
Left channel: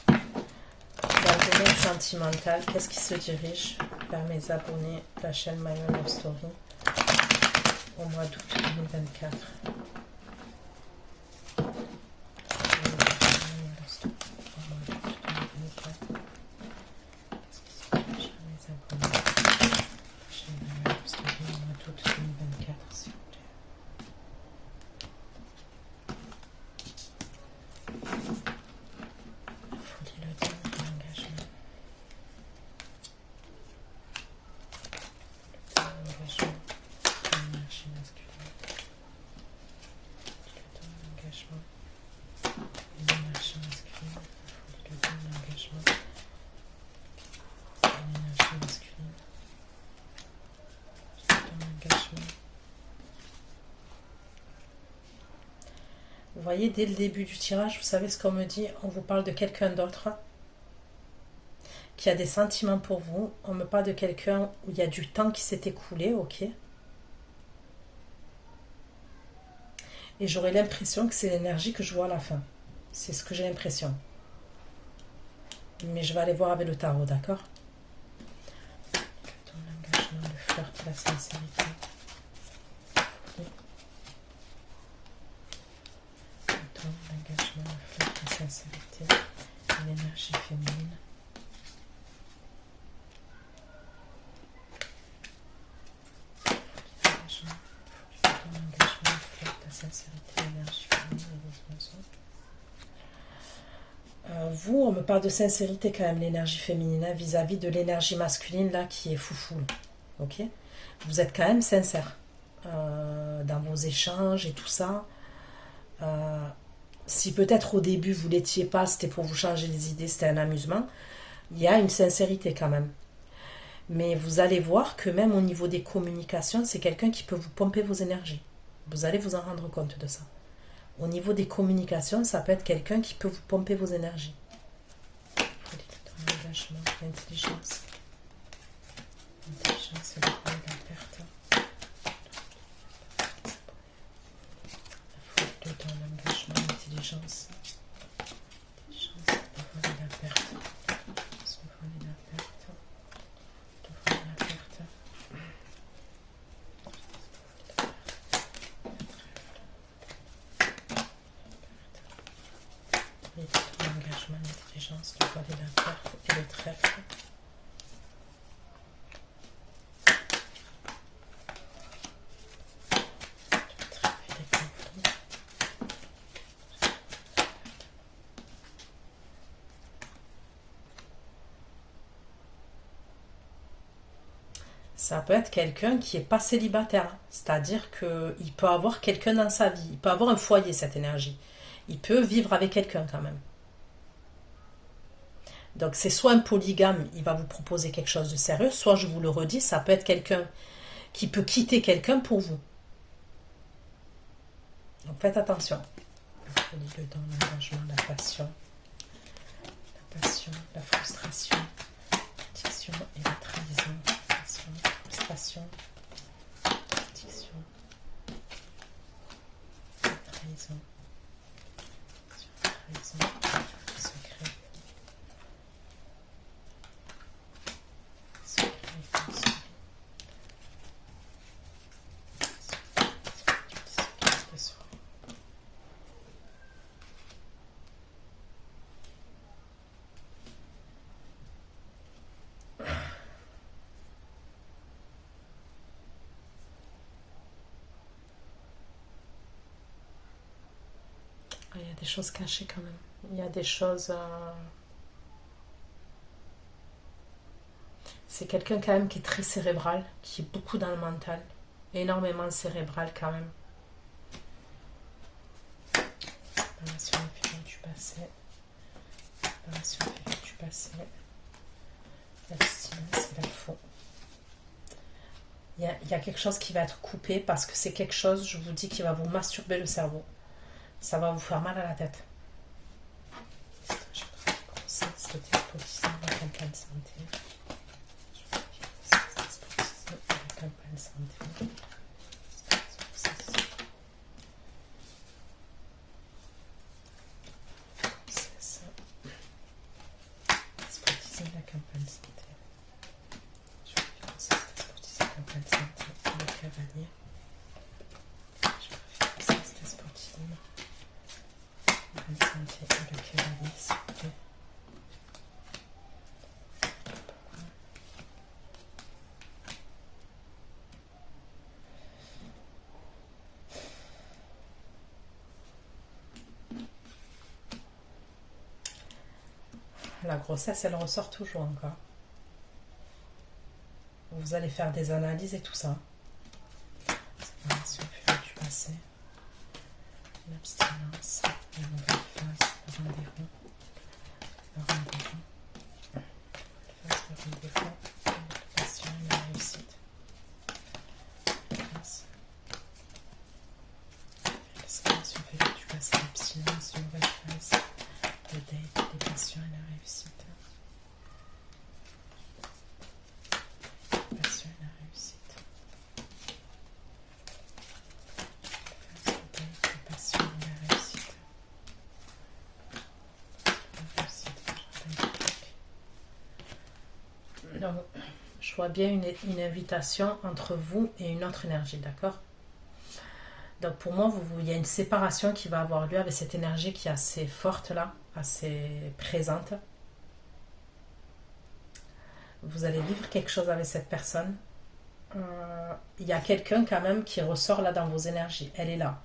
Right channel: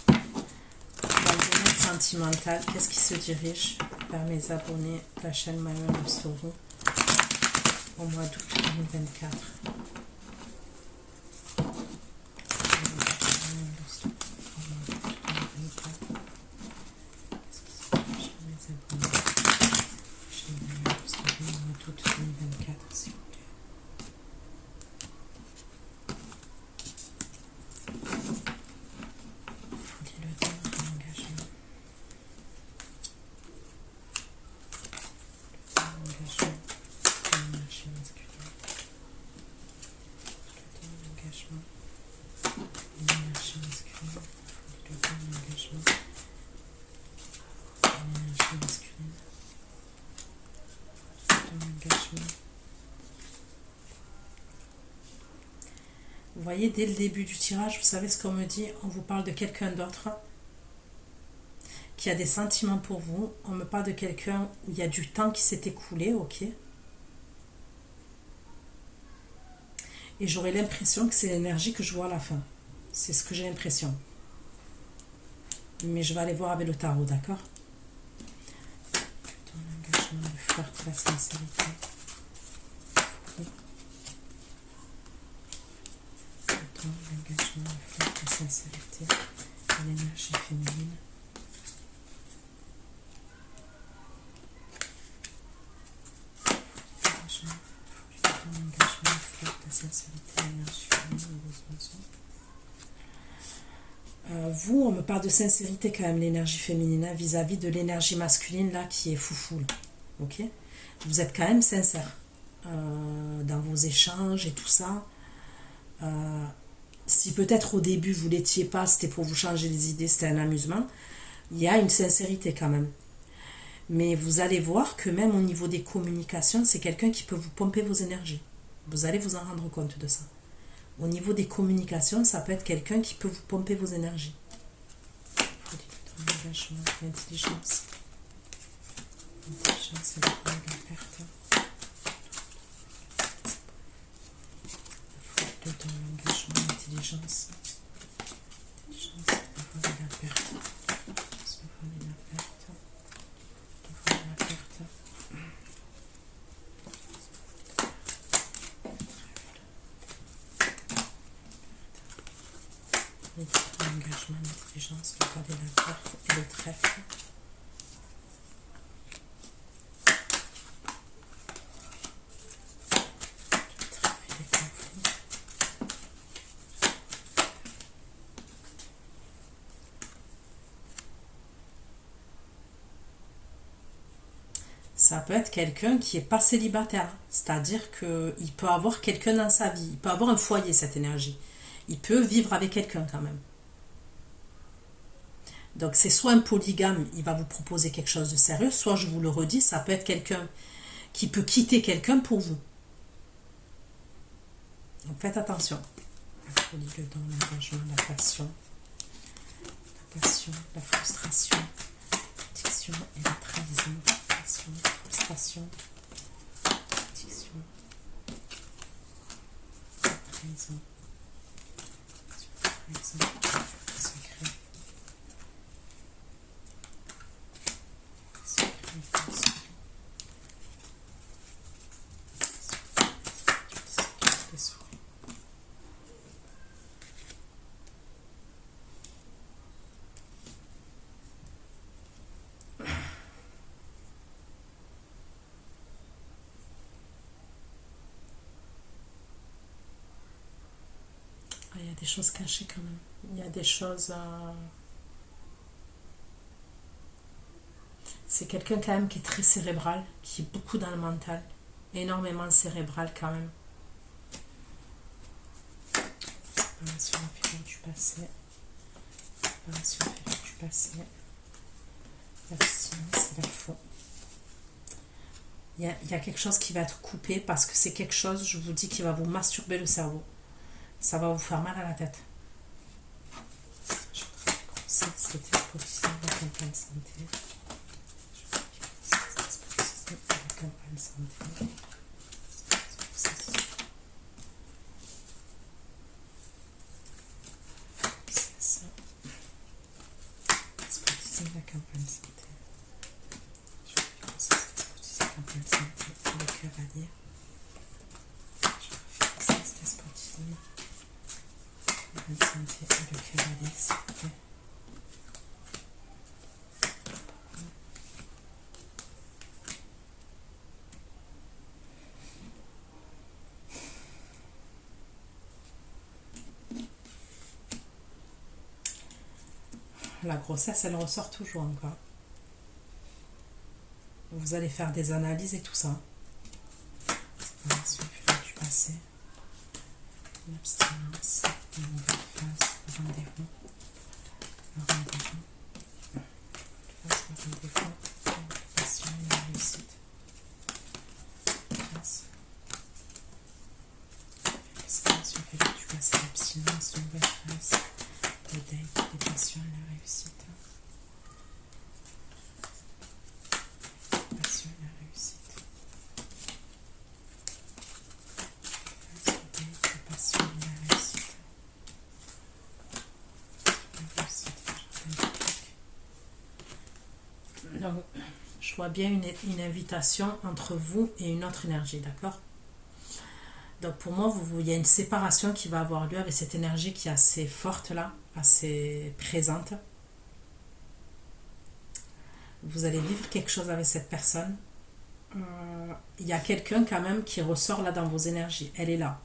Dans le domaine sentimental, qu'est-ce qui se dirige vers mes abonnés de la chaîne Mayon Love Story au mois d'août 2024? voyez, dès le début du tirage, vous savez ce qu'on me dit? On vous parle de quelqu'un d'autre qui a des sentiments pour vous. On me parle de quelqu'un où il y a du temps qui s'est écoulé, ok? Et j'aurais l'impression que c'est l'énergie que je vois à la fin. C'est ce que j'ai l'impression. Mais je vais aller voir avec le tarot, d'accord? Ton engagement, le flirt, la sincérité. Ton engagement, le flirt, la sincérité. L'énergie féminine. Vous, on me parle de sincérité quand même, l'énergie féminine, hein, vis-à-vis de l'énergie masculine là qui est foufou. Là. Ok? Vous êtes quand même sincère dans vos échanges et tout ça. Si peut-être au début vous l'étiez pas, c'était pour vous changer les idées, c'était un amusement, il y a une sincérité quand même. Mais vous allez voir que même au niveau des communications, c'est quelqu'un qui peut vous pomper vos énergies. Vous allez vous en rendre compte de ça. Au niveau des communications, ça peut être quelqu'un qui peut vous pomper vos énergies. Engagement, l'intelligence. L'intelligence et la perte. La faute de ton engagement, l'intelligence. L'intelligence, la perte. L'engagement, l'intelligence, le voile et la perte et le trèfle. Ça peut être quelqu'un qui n'est pas célibataire, c'est-à-dire qu'il peut avoir quelqu'un dans sa vie, il peut avoir un foyer, cette énergie. Il peut vivre avec quelqu'un quand même. Donc c'est soit un polygame, il va vous proposer quelque chose de sérieux, soit je vous le redis, ça peut être quelqu'un qui peut quitter quelqu'un pour vous. Donc faites attention. La folie, le don, l'engagement, la passion, la frustration, l'addiction et la trahison. Passion, frustration, addiction, la trahison. Il y a des choses cachées quand même. Il y a des choses... C'est quelqu'un quand même qui est très cérébral, qui est beaucoup dans le mental. Énormément cérébral quand même. Relation infidèle du passé. Relation infidèle du passé. L'abstinence et la faux. Il y a quelque chose qui va être coupé parce que c'est quelque chose, je vous dis, qui va vous masturber le cerveau. Ça va vous faire mal à la tête. Je vais grossesse, le déposition, la campagne santé. Je vais grossesse, la campagne santé. La grossesse, elle ressort toujours encore. Vous allez faire des analyses et tout ça. Séparation du passé. L'abstinence. La nouvelle phase. Le rendez-vous. Le rendez-vous. Phase, le rendez-vous. La passion et la réussite. Phase. La séparation du passé. L'abstinence. silence, une nouvelle phase. Les dates, les passions et la réussite. Les passions et la réussite. Les dates, les passions et la réussite. La réussite, donc, je vois bien une invitation entre vous et une autre énergie, d'accord? Donc pour moi, il y a une séparation qui va avoir lieu avec cette énergie qui est assez forte là, assez présente. Vous allez vivre quelque chose avec cette personne. Il y a quelqu'un quand même qui ressort là dans vos énergies. Elle est là.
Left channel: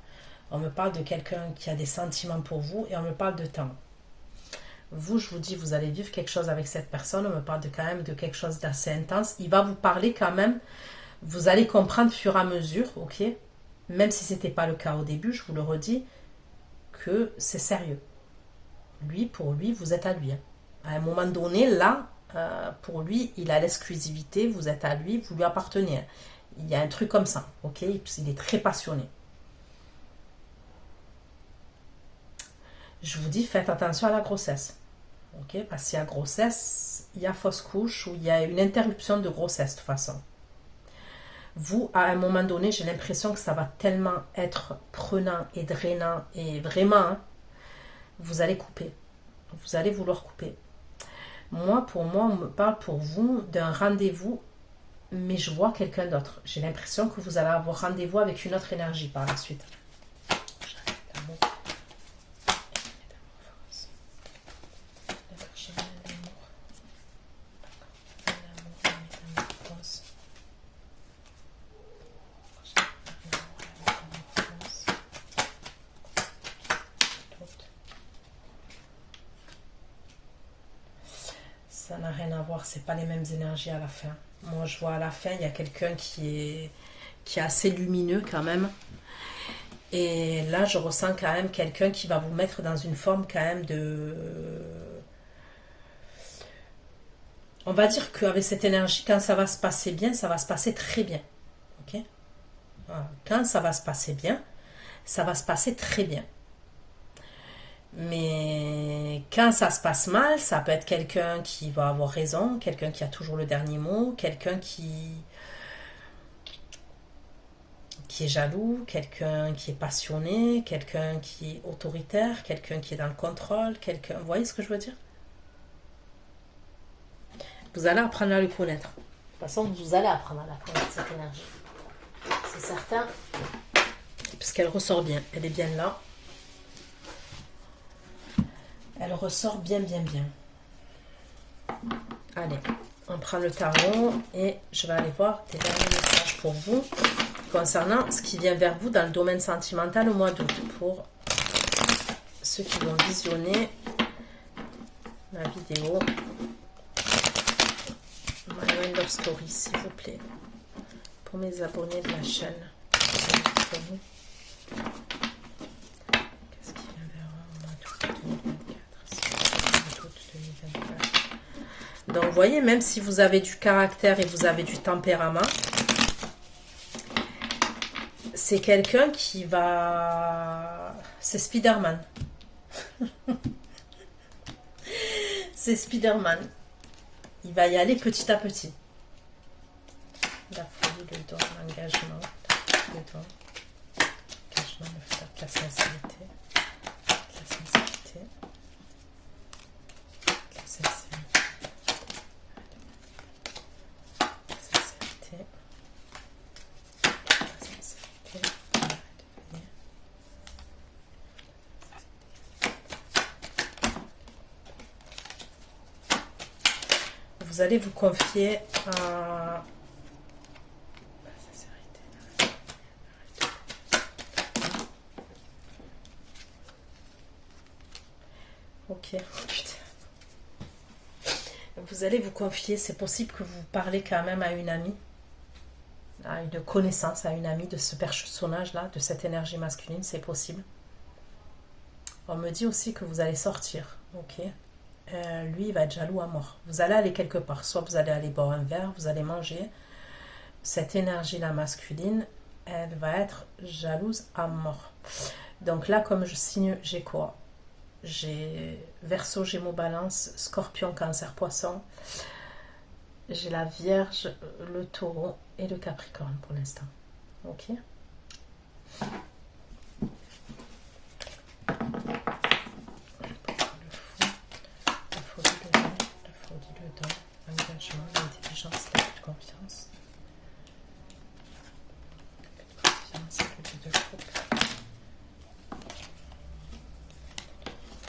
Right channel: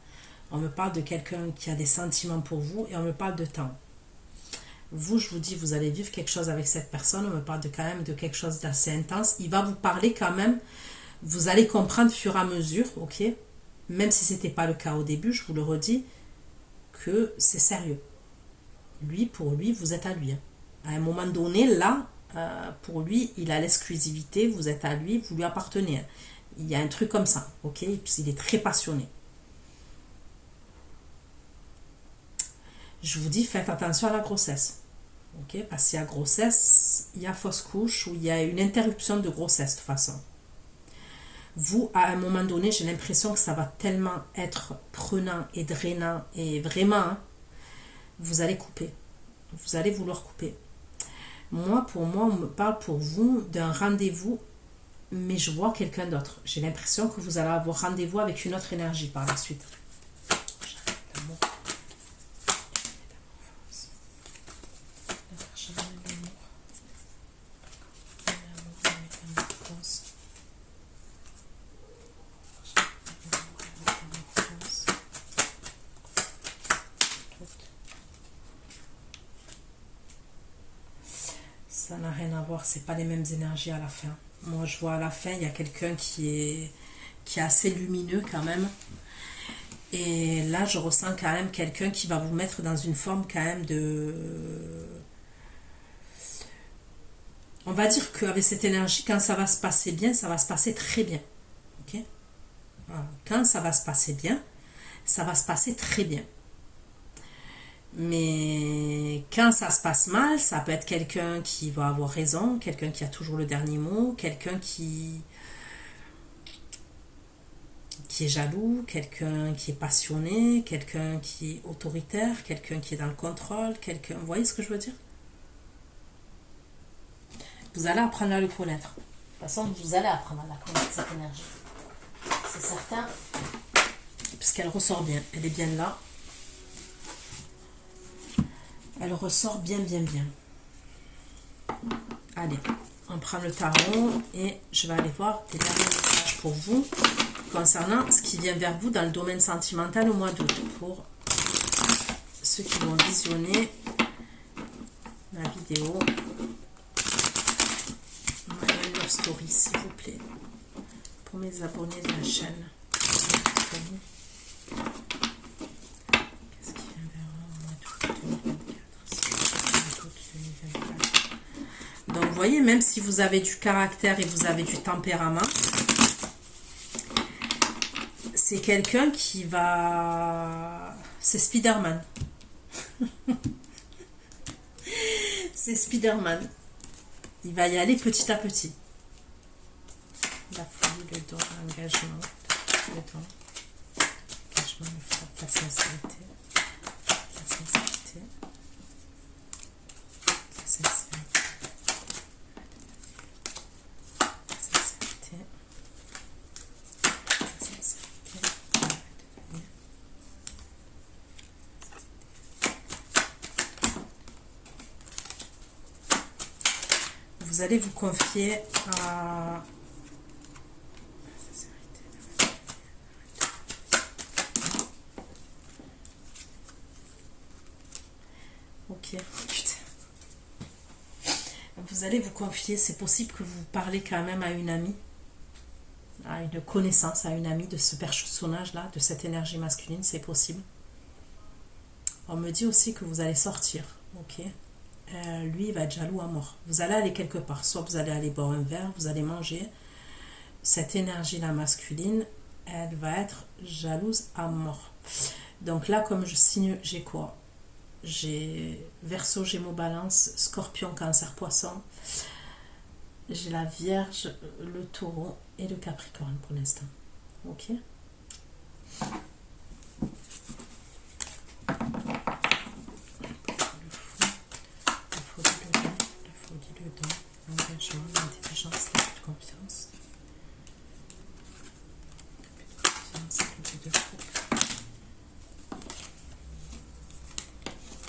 On me parle de quelqu'un qui a des sentiments pour vous et on me parle de temps. Vous, je vous dis, vous allez vivre quelque chose avec cette personne. On me parle quand même de quelque chose d'assez intense. Il va vous parler quand même. Vous allez comprendre au fur et à mesure, ok? Même si ce n'était pas le cas au début, je vous le redis, que c'est sérieux. Lui, pour lui, vous êtes à lui. À un moment donné, là, pour lui, il a l'exclusivité, vous êtes à lui, vous lui appartenez. Il y a un truc comme ça, ok? Il est très passionné. Je vous dis, faites attention à la grossesse. Ok? Parce qu'il y a grossesse, il y a fausse couche ou il y a une interruption de grossesse de toute façon. Vous, à un moment donné, j'ai l'impression que ça va tellement être prenant et drainant et vraiment, hein, vous allez couper. Vous allez vouloir couper. Pour moi, on me parle pour vous d'un rendez-vous, mais je vois quelqu'un d'autre. J'ai l'impression que vous allez avoir rendez-vous avec une autre énergie par la suite. Ça n'a rien à voir, c'est pas les mêmes énergies à la fin. Moi, je vois à la fin, il y a quelqu'un qui est assez lumineux quand même. Et là, je ressens quand même quelqu'un qui va vous mettre dans une forme quand même de... On va dire qu'avec cette énergie, quand ça va se passer bien, ça va se passer très bien. Ok? Voilà. Quand ça va se passer bien, ça va se passer très bien. Mais quand ça se passe mal, ça peut être quelqu'un qui va avoir raison, quelqu'un qui a toujours le dernier mot, quelqu'un qui est jaloux, quelqu'un qui est passionné, quelqu'un qui est autoritaire, quelqu'un qui est dans le contrôle, quelqu'un... Vous voyez ce que je veux dire? Vous allez apprendre à le connaître. De toute façon, vous allez apprendre à la connaître, cette énergie. C'est certain. Puisqu'elle ressort bien. Elle est bien là. Elle ressort bien, bien, bien. Allez, on prend le tarot et je vais aller voir des derniers messages pour vous concernant ce qui vient vers vous dans le domaine sentimental au mois d'août. Pour ceux qui vont visionner ma vidéo. Love Story, s'il vous plaît. Pour mes abonnés de la chaîne. Qu'est-ce qui vient vers moi au mois d'août 2024? Donc, vous voyez, même si vous avez du caractère et vous avez du tempérament, c'est quelqu'un qui va... C'est Spider-Man. C'est Spider-Man. Il va y aller petit à petit. La folie, le don, l'engagement, le don, l'engagement, le froid, la sincérité, la sincérité, la sincérité, la sincérité, la sincérité, vous allez vous confier à... Ok, putain. Vous allez vous confier, c'est possible que vous parlez quand même à une amie, à une connaissance, à une amie de ce personnage-là, de cette énergie masculine, c'est possible. On me dit aussi que vous allez sortir, ok. Lui, il va être jaloux à mort. Vous allez aller quelque part, soit vous allez aller boire un verre, vous allez manger. Cette énergie-là masculine, elle va être jalouse à mort. Donc là, comme je signe, j'ai quoi? J'ai Verseau, Gémeaux, Balance, Scorpion, Cancer, Poisson. J'ai la Vierge, le Taureau et le Capricorne pour l'instant. Ok. L'engagement, l'intelligence, la confiance. Confiance, le de couple.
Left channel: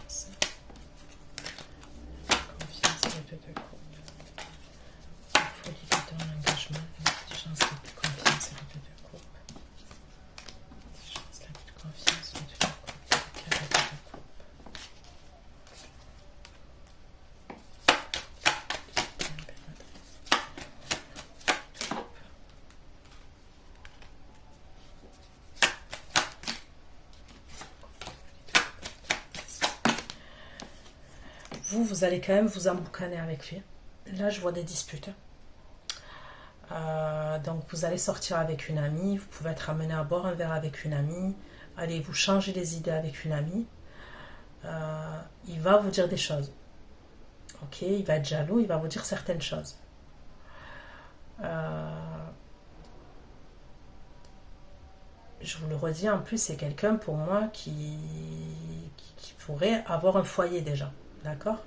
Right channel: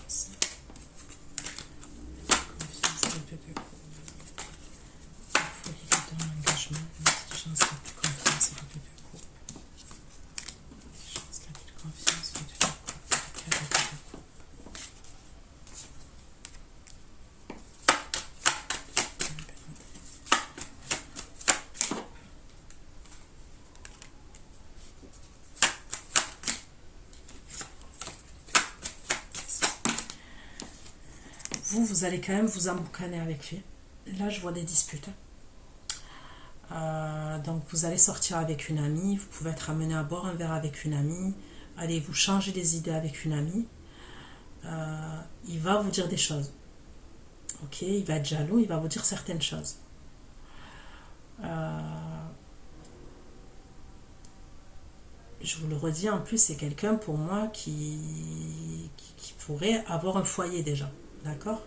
Confiance, le de couple. La folie, le don, l'engagement, l'intelligence, la confiance, le de couple. L'intelligence, la confiance, le de couple. Vous allez quand même vous emboucaner avec lui. Là, je vois des disputes. Donc, vous allez sortir avec une amie. Vous pouvez être amené à boire un verre avec une amie. Allez vous changer les idées avec une amie. Il va vous dire des choses. Ok, il va être jaloux. Il va vous dire certaines choses. Je vous le redis, en plus, c'est quelqu'un pour moi qui pourrait avoir un foyer déjà. D'accord?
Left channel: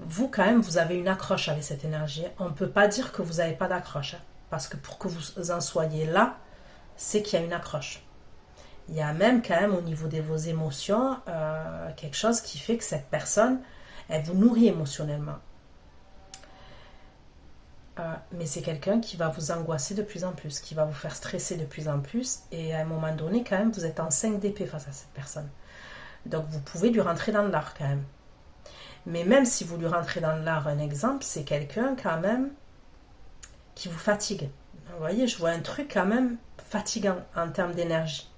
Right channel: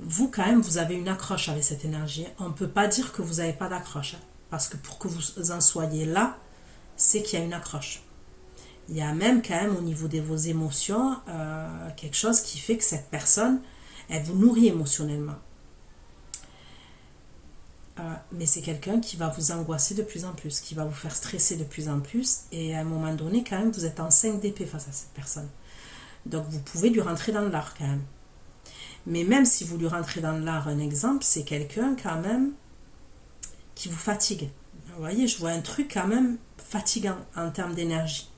Vous, quand même, vous avez une accroche avec cette énergie. On ne peut pas dire que vous n'avez pas d'accroche. Parce que pour que vous en soyez là, c'est qu'il y a une accroche. Il y a même quand même au niveau de vos émotions quelque chose qui fait que cette personne, elle vous nourrit émotionnellement. Mais c'est quelqu'un qui va vous angoisser de plus en plus, qui va vous faire stresser de plus en plus. Et à un moment donné, quand même, vous êtes en 5 d'épée face à cette personne. Donc vous pouvez lui rentrer dans l'art quand même. Mais même si vous lui rentrez dans l'art, un exemple, c'est quelqu'un quand même qui vous fatigue. Vous voyez, je vois un truc quand même fatigant en termes d'énergie.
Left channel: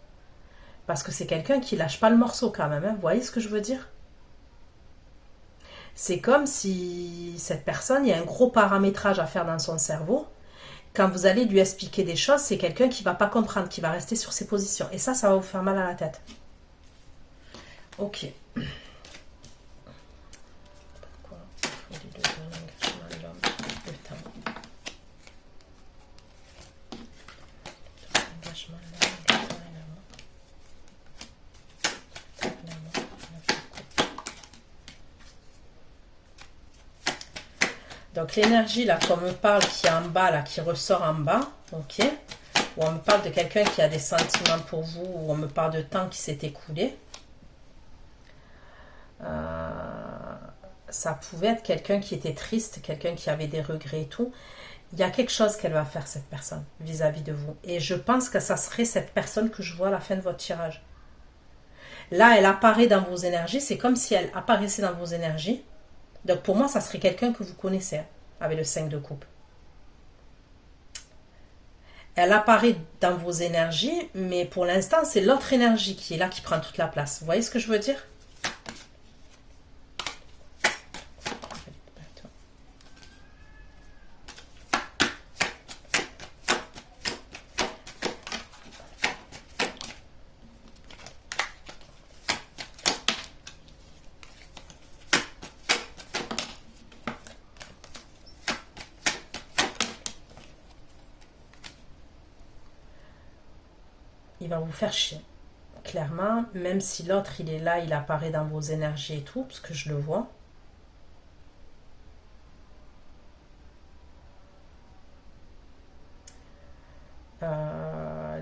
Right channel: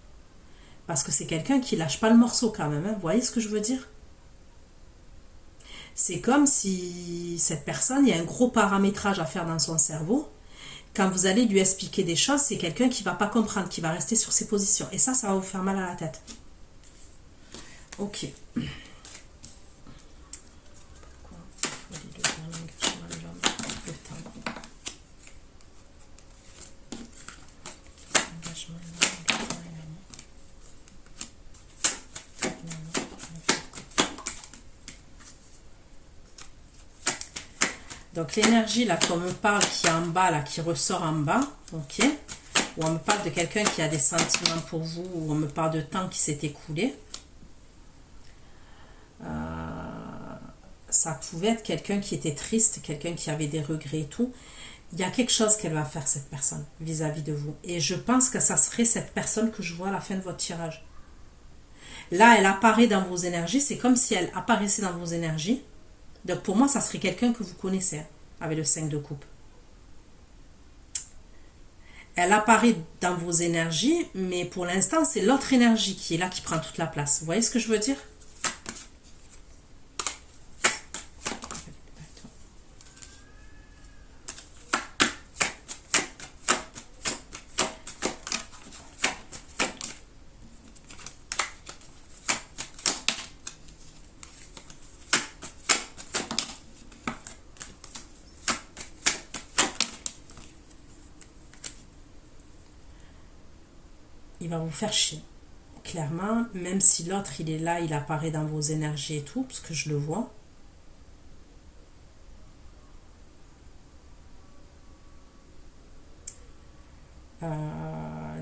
Parce que c'est quelqu'un qui lâche pas le morceau quand même. Hein. Vous voyez ce que je veux dire? C'est comme si cette personne, il y a un gros paramétrage à faire dans son cerveau. Quand vous allez lui expliquer des choses, c'est quelqu'un qui va pas comprendre, qui va rester sur ses positions. Et ça va vous faire mal à la tête. Ok. Donc l'énergie là qu'on me parle qui est en bas, là, qui ressort en bas, ok, où on me parle de quelqu'un qui a des sentiments pour vous, où on me parle de temps qui s'est écoulé, ça pouvait être quelqu'un qui était triste, quelqu'un qui avait des regrets et tout. Il y a quelque chose qu'elle va faire cette personne vis-à-vis de vous. Et je pense que ça serait cette personne que je vois à la fin de votre tirage. Là, elle apparaît dans vos énergies, c'est comme si elle apparaissait dans vos énergies. Donc pour moi, ça serait quelqu'un que vous connaissez avec le 5 de coupe. Elle apparaît dans vos énergies, mais pour l'instant, c'est l'autre énergie qui est là, qui prend toute la place. Vous voyez ce que je veux dire? Il va vous faire chier. Clairement, même si l'autre, il est là, il apparaît dans vos énergies et tout, parce que je le vois.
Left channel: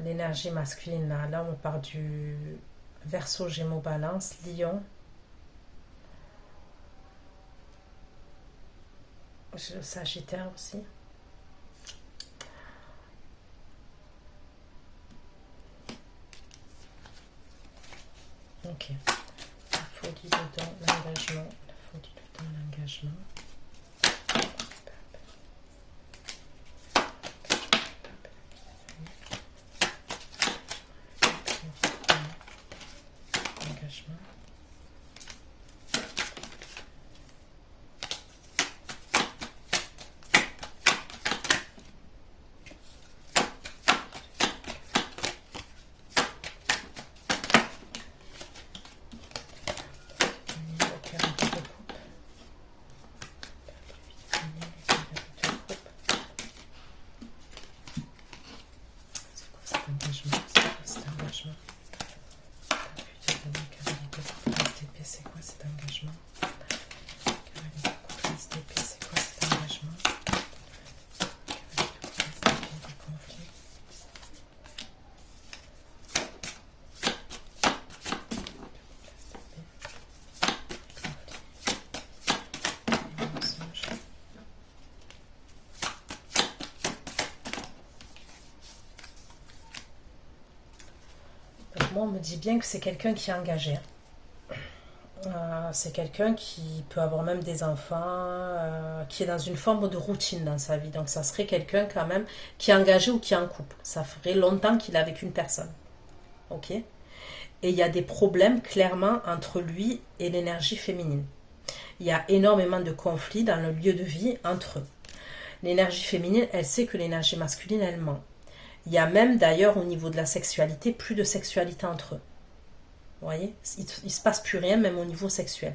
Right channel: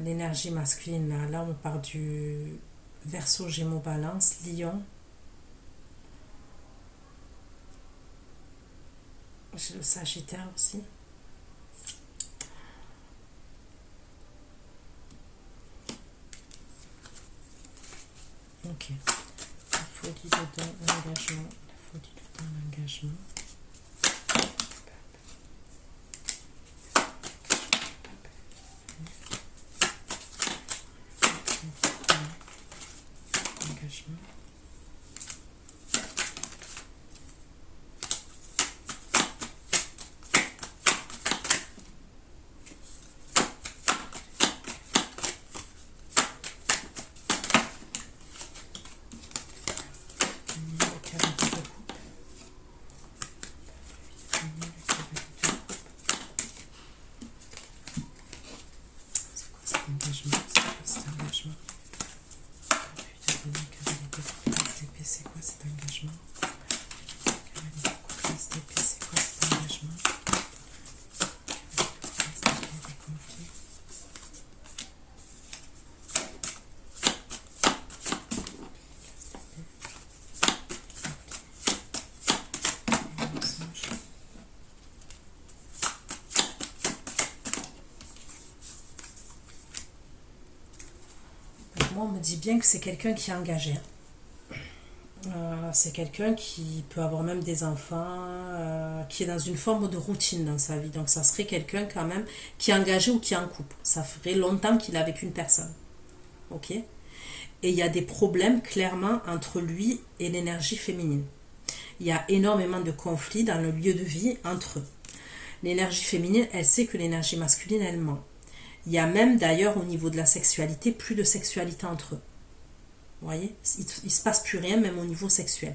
L'énergie masculine, là, on part du Verseau, Gémeaux, Balance, Lion. J'ai le Sagittaire aussi. Ok. La folie dedans, l'engagement. La folie dedans, l'engagement. L'engagement. Moi, on me dit bien que c'est quelqu'un qui est engagé. C'est quelqu'un qui peut avoir même des enfants, qui est dans une forme de routine dans sa vie. Donc ça serait quelqu'un quand même qui est engagé ou qui est en couple. Ça ferait longtemps qu'il est avec une personne. Ok? Et il y a des problèmes clairement entre lui et l'énergie féminine. Il y a énormément de conflits dans le lieu de vie entre eux. L'énergie féminine, elle sait que l'énergie masculine, elle ment. Il y a même d'ailleurs au niveau de la sexualité, plus de sexualité entre eux. Vous voyez, il ne se passe plus rien, même au niveau sexuel.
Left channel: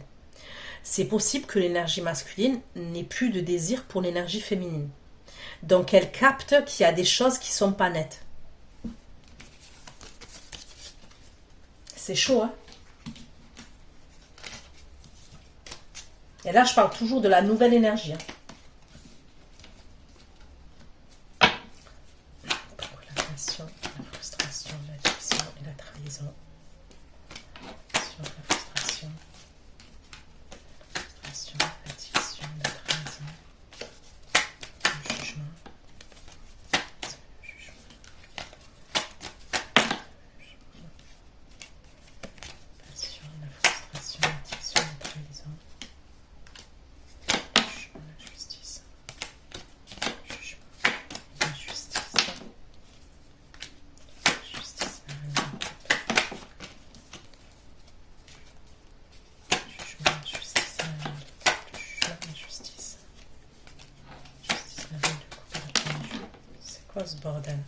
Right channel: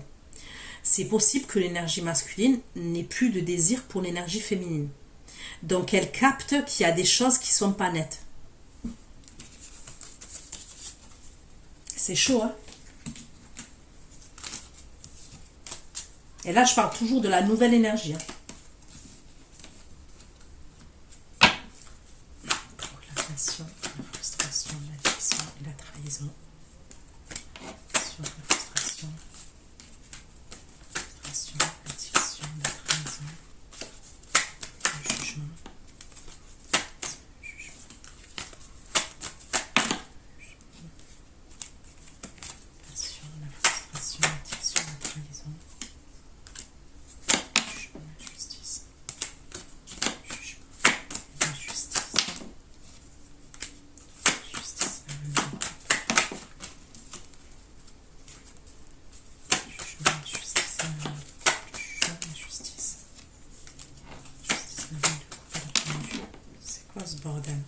C'est possible que l'énergie masculine n'ait plus de désir pour l'énergie féminine. Donc elle capte qu'il y a des choses qui ne sont pas nettes. C'est chaud, hein? Et là, je parle toujours de la nouvelle énergie. La passion, la frustration, l'addiction et la trahison. Sur la frustration, l'addiction, la trahison, le jugement, passion, la frustration, l'addiction, la trahison, le jugement, la justice, la justice, justice, c'est quoi ce bordel?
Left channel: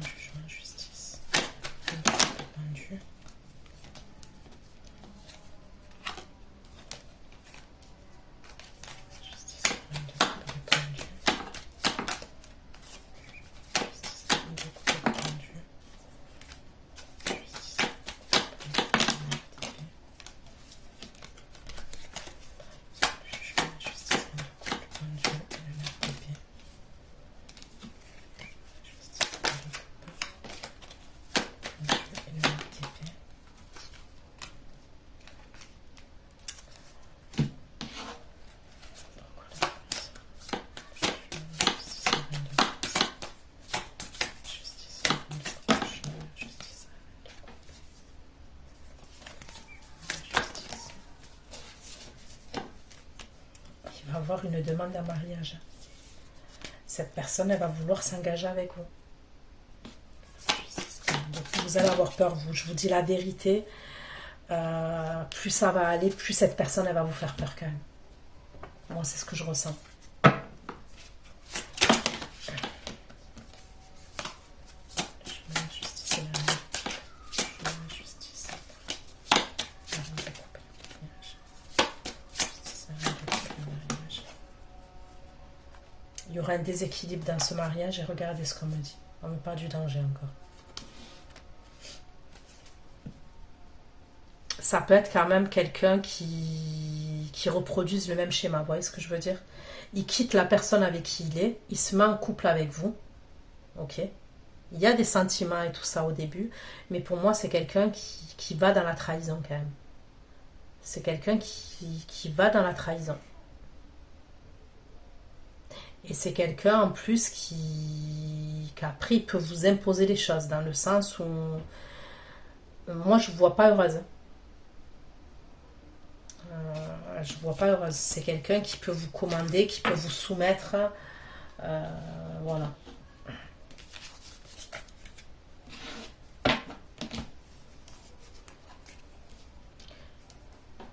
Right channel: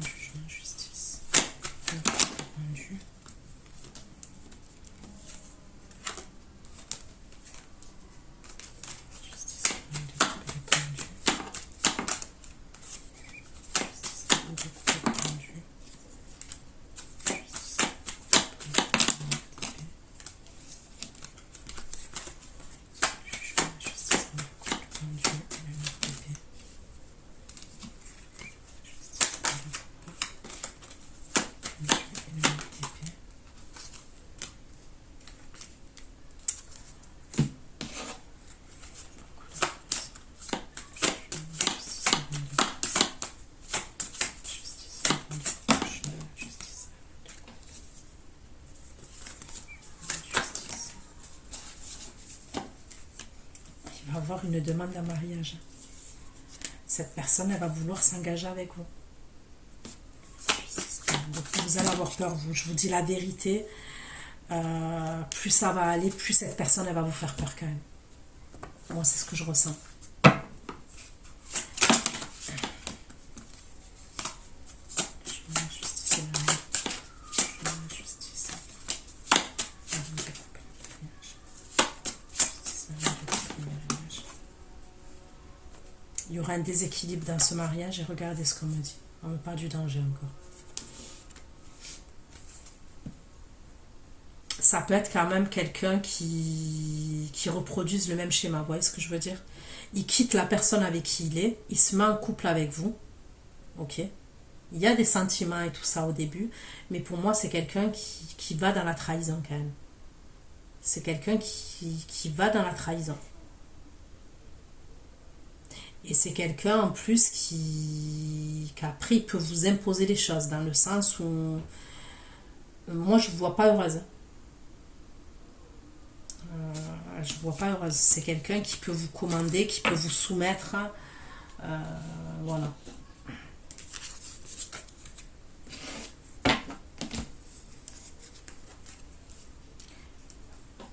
Jugement, justice, rendu. Avoir une demande en mariage. Cette personne, elle va vouloir s'engager avec vous. Donc, vous allez avoir peur, vous. Je vous dis la vérité. Plus ça va aller, plus cette personne, elle va vous faire peur quand même. Moi, c'est ce que je ressens. Il y aura un déséquilibre dans ce mariage et regardez ce qu'on me dit. On me parle du danger encore. Ça peut être quand même quelqu'un qui reproduise le même schéma. Vous voyez ce que je veux dire? Il quitte la personne avec qui il est. Il se met en couple avec vous. Ok? Il y a des sentiments et tout ça au début. Mais pour moi, c'est quelqu'un qui va dans la trahison quand même. C'est quelqu'un qui va dans la trahison. Et c'est quelqu'un en plus qu'après peut vous imposer des choses, dans le sens où moi je ne vois pas heureuse. Je ne vois pas heureuse. C'est quelqu'un qui peut vous commander, qui peut vous soumettre. Voilà. De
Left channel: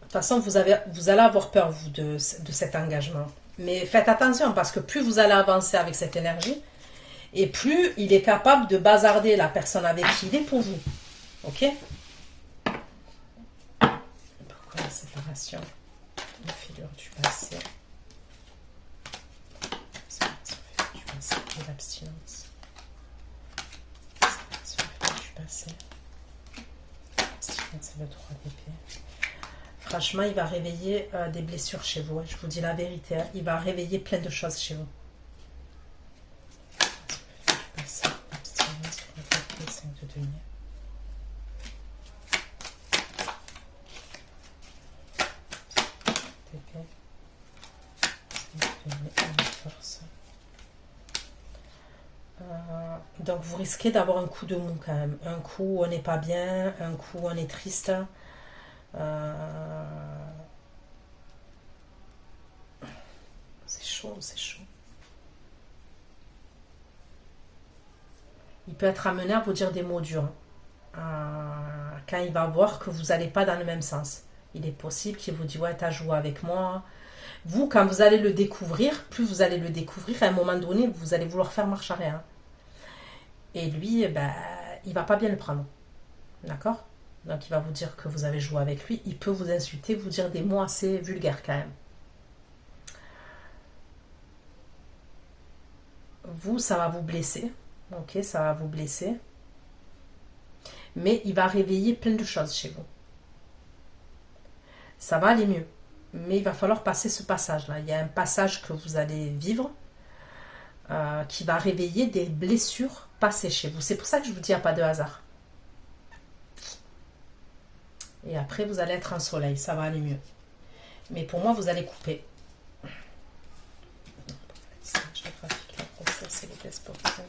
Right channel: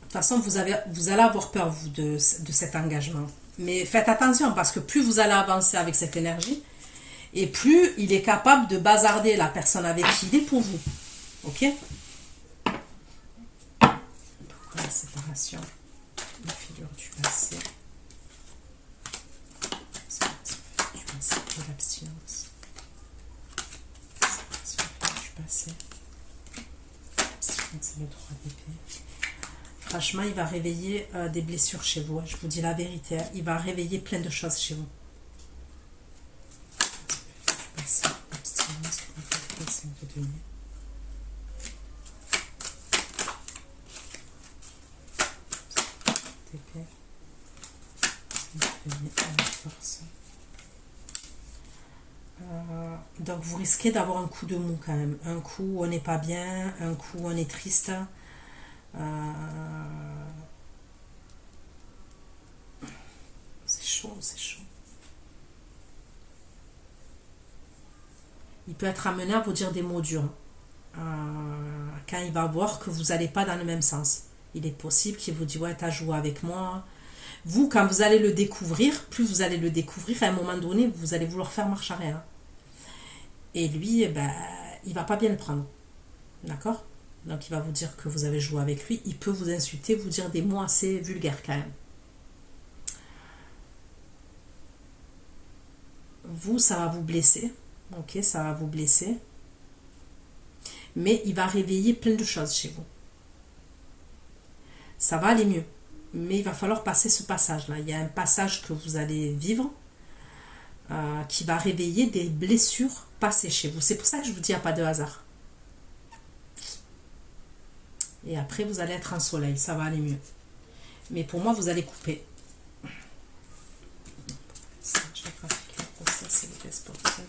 toute façon, vous allez avoir peur, vous, de cet engagement. Mais faites attention, parce que plus vous allez avancer avec cette énergie, et plus il est capable de bazarder la personne avec qui il est pour vous. Ok? Pourquoi la séparation? La figure du passé. Séparation du passé et l'abstinence. Séparation du passé. L'abstinence et le droit d'épée. Franchement, il va réveiller des blessures chez vous. Je vous dis la vérité. Il va réveiller plein de choses chez vous. Donc vous risquez d'avoir un coup de mou quand même. Un coup où on n'est pas bien, un coup où on est triste. C'est chaud, c'est chaud. Il peut être amené à vous dire des mots durs. Quand il va voir que vous n'allez pas dans le même sens. Il est possible qu'il vous dise ouais, t'as joué avec moi. Vous, quand vous allez le découvrir, plus vous allez le découvrir, à un moment donné, vous allez vouloir faire marche arrière. Et lui, ben, il va pas bien le prendre. D'accord? Donc il va vous dire que vous avez joué avec lui. Il peut vous insulter, vous dire des mots assez vulgaires quand même. Vous, ça va vous blesser. Ok, ça va vous blesser. Mais il va réveiller plein de choses chez vous. Ça va aller mieux. Mais il va falloir passer ce passage-là. Il y a un passage que vous allez vivre qui va réveiller des blessures passées chez vous. C'est pour ça que je vous dis, il n'y a pas de hasard. Et après, vous allez être en soleil. Ça va aller mieux. Mais pour moi, vous allez couper. Géographique, le process et les tests sportifs.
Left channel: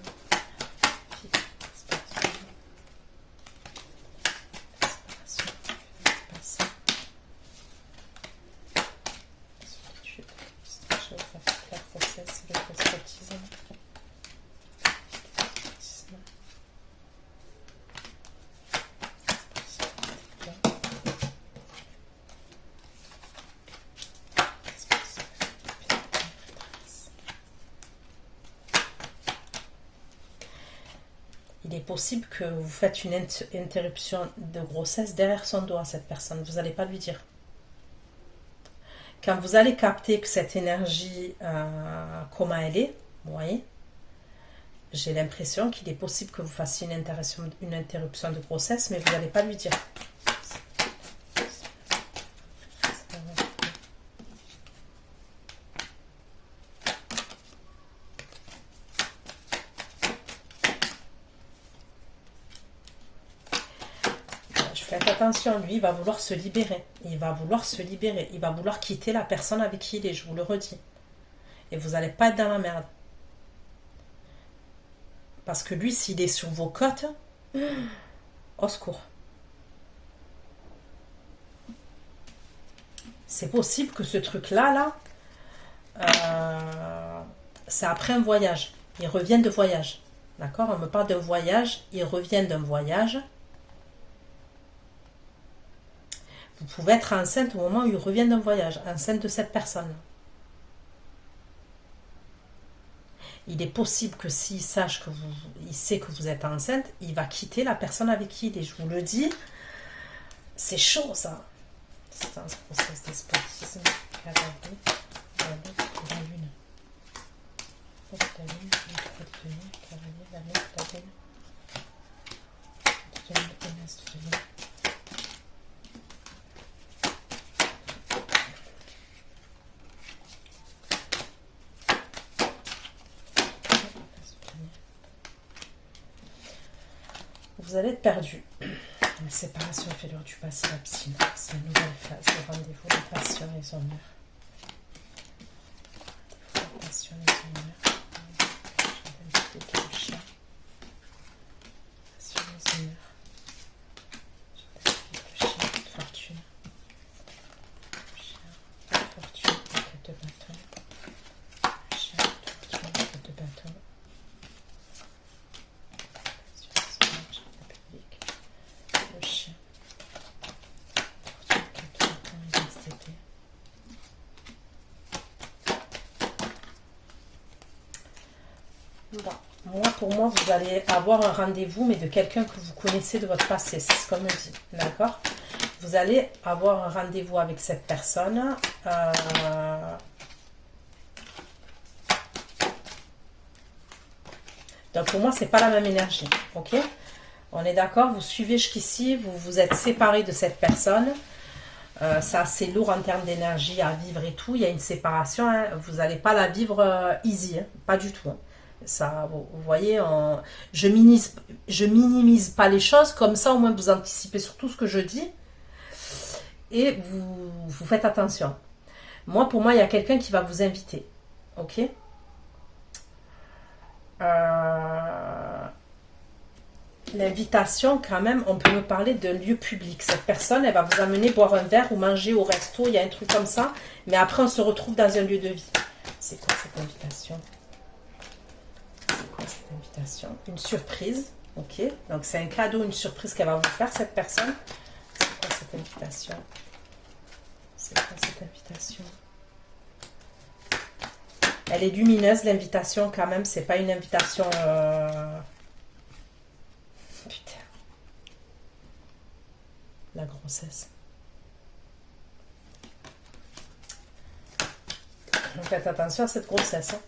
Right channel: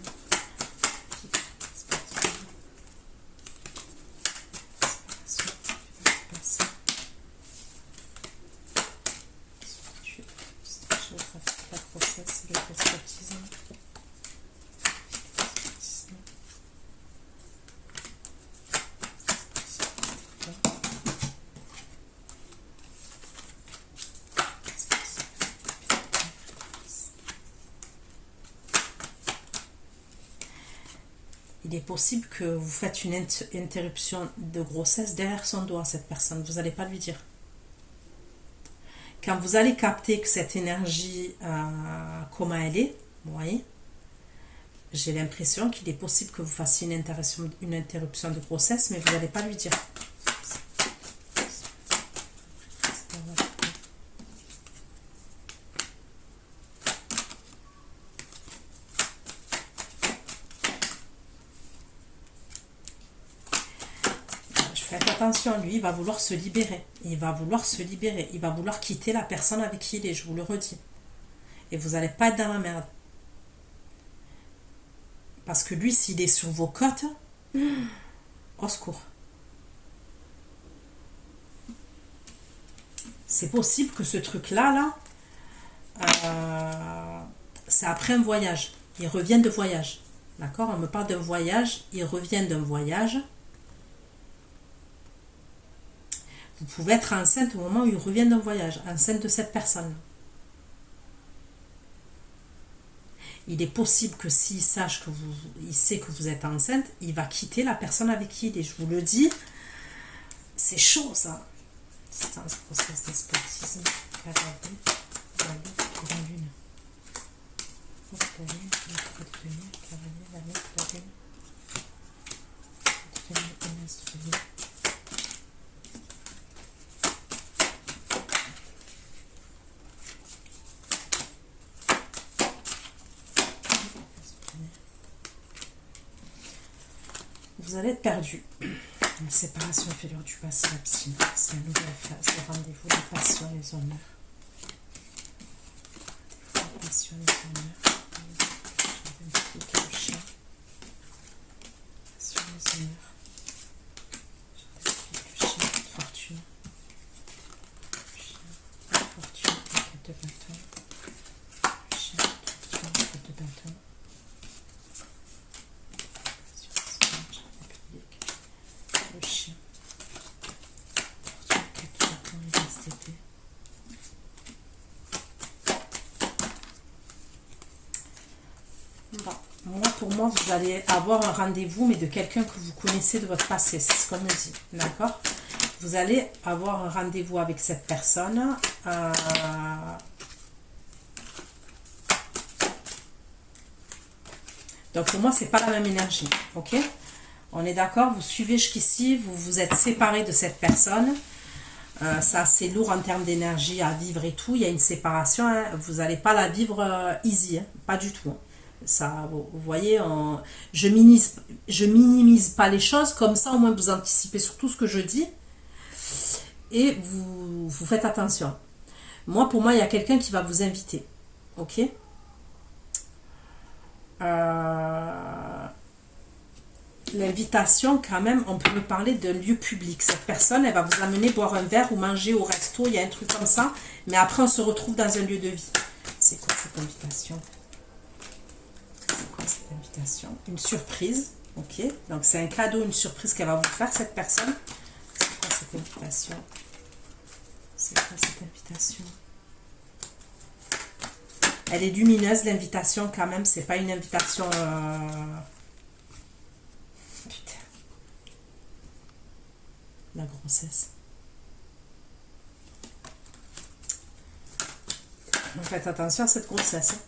Il est possible que vous faites une interruption de grossesse derrière son dos à cette personne. Vous n'allez pas lui dire. Quand vous allez capter que cette énergie, comment elle est, vous voyez, j'ai l'impression qu'il est possible que vous fassiez une interruption de grossesse, mais vous n'allez pas lui dire. Faites attention, lui, il va vouloir se libérer. Il va vouloir se libérer. Il va vouloir quitter la personne avec qui il est, je vous le redis. Et vous n'allez pas être dans la merde. Parce que lui, s'il est sur vos côtes, au secours. C'est possible que ce truc-là, c'est après un voyage. Il revient de voyage. D'accord? On me parle d'un voyage. Il revient d'un voyage. Vous pouvez être enceinte au moment où il revient d'un voyage, enceinte de cette personne. Il est possible que s'il sache que il sait que vous êtes enceinte, il va quitter la personne avec qui il est. Je vous le dis, c'est chaud ça. C'est un processus d'espotisme. La lune. Vous allez être perdu. La séparation fêlure du passé, l'abstinence, c'est une nouvelle phase, le rendez-vous, les passions, les honneurs. Les passions, les honneurs. Le chien. Passions, les honneurs. Le chien, fortune. Le chien, fortune, la quête de bâton. Le chien, fortune, la quête de bâton. Pour moi, vous allez avoir un rendez-vous, mais de quelqu'un que vous connaissez de votre passé. C'est ce qu'on me dit. D'accord? Vous allez avoir un rendez-vous avec cette personne. Donc, pour moi, c'est pas la même énergie. Ok? On est d'accord? Vous suivez jusqu'ici. Vous vous êtes séparé de cette personne. C'est assez lourd en termes d'énergie à vivre et tout. Il y a une séparation. Hein. Vous n'allez pas la vivre easy. Hein. Pas du tout. Hein. Ça, vous voyez, je minimise pas les choses, comme ça au moins vous anticipez sur tout ce que je dis et vous faites attention. Pour moi, il y a quelqu'un qui va vous inviter, ok? L'invitation, quand même, on peut me parler d'un lieu public. Cette personne, elle va vous amener boire un verre ou manger au resto, il y a un truc comme ça. Mais après, on se retrouve dans un lieu de vie. C'est quoi cette invitation? C'est quoi cette invitation? Une surprise. Ok, donc c'est un cadeau, une surprise qu'elle va vous faire, cette personne. C'est quoi cette invitation? C'est quoi cette invitation? Elle est lumineuse, l'invitation, quand même. C'est pas une invitation... Putain. La grossesse. Faites attention à cette grossesse. Hein.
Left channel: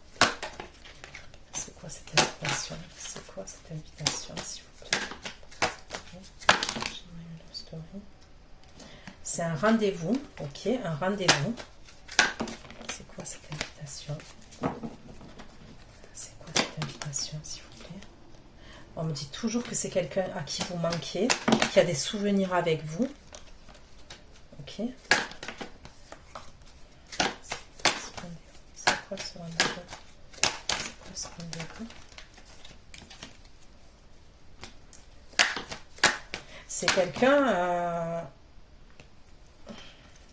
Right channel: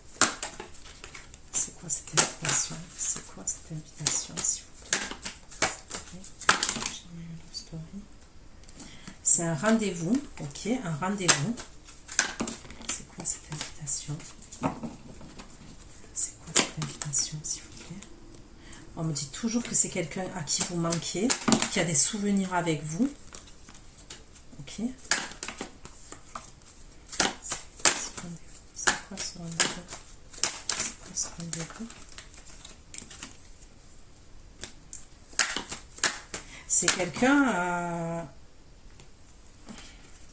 C'est quoi cette invitation? C'est quoi cette invitation, s'il vous plaît? C'est un rendez-vous. Ok, un rendez-vous. C'est quoi cette invitation? C'est quoi cette invitation, s'il vous plaît? On me dit toujours que c'est quelqu'un à qui vous manquez, qui a des souvenirs avec vous. Ok. C'est quoi ce rendez-vous? C'est quoi ce rendez-vous? C'est quelqu'un...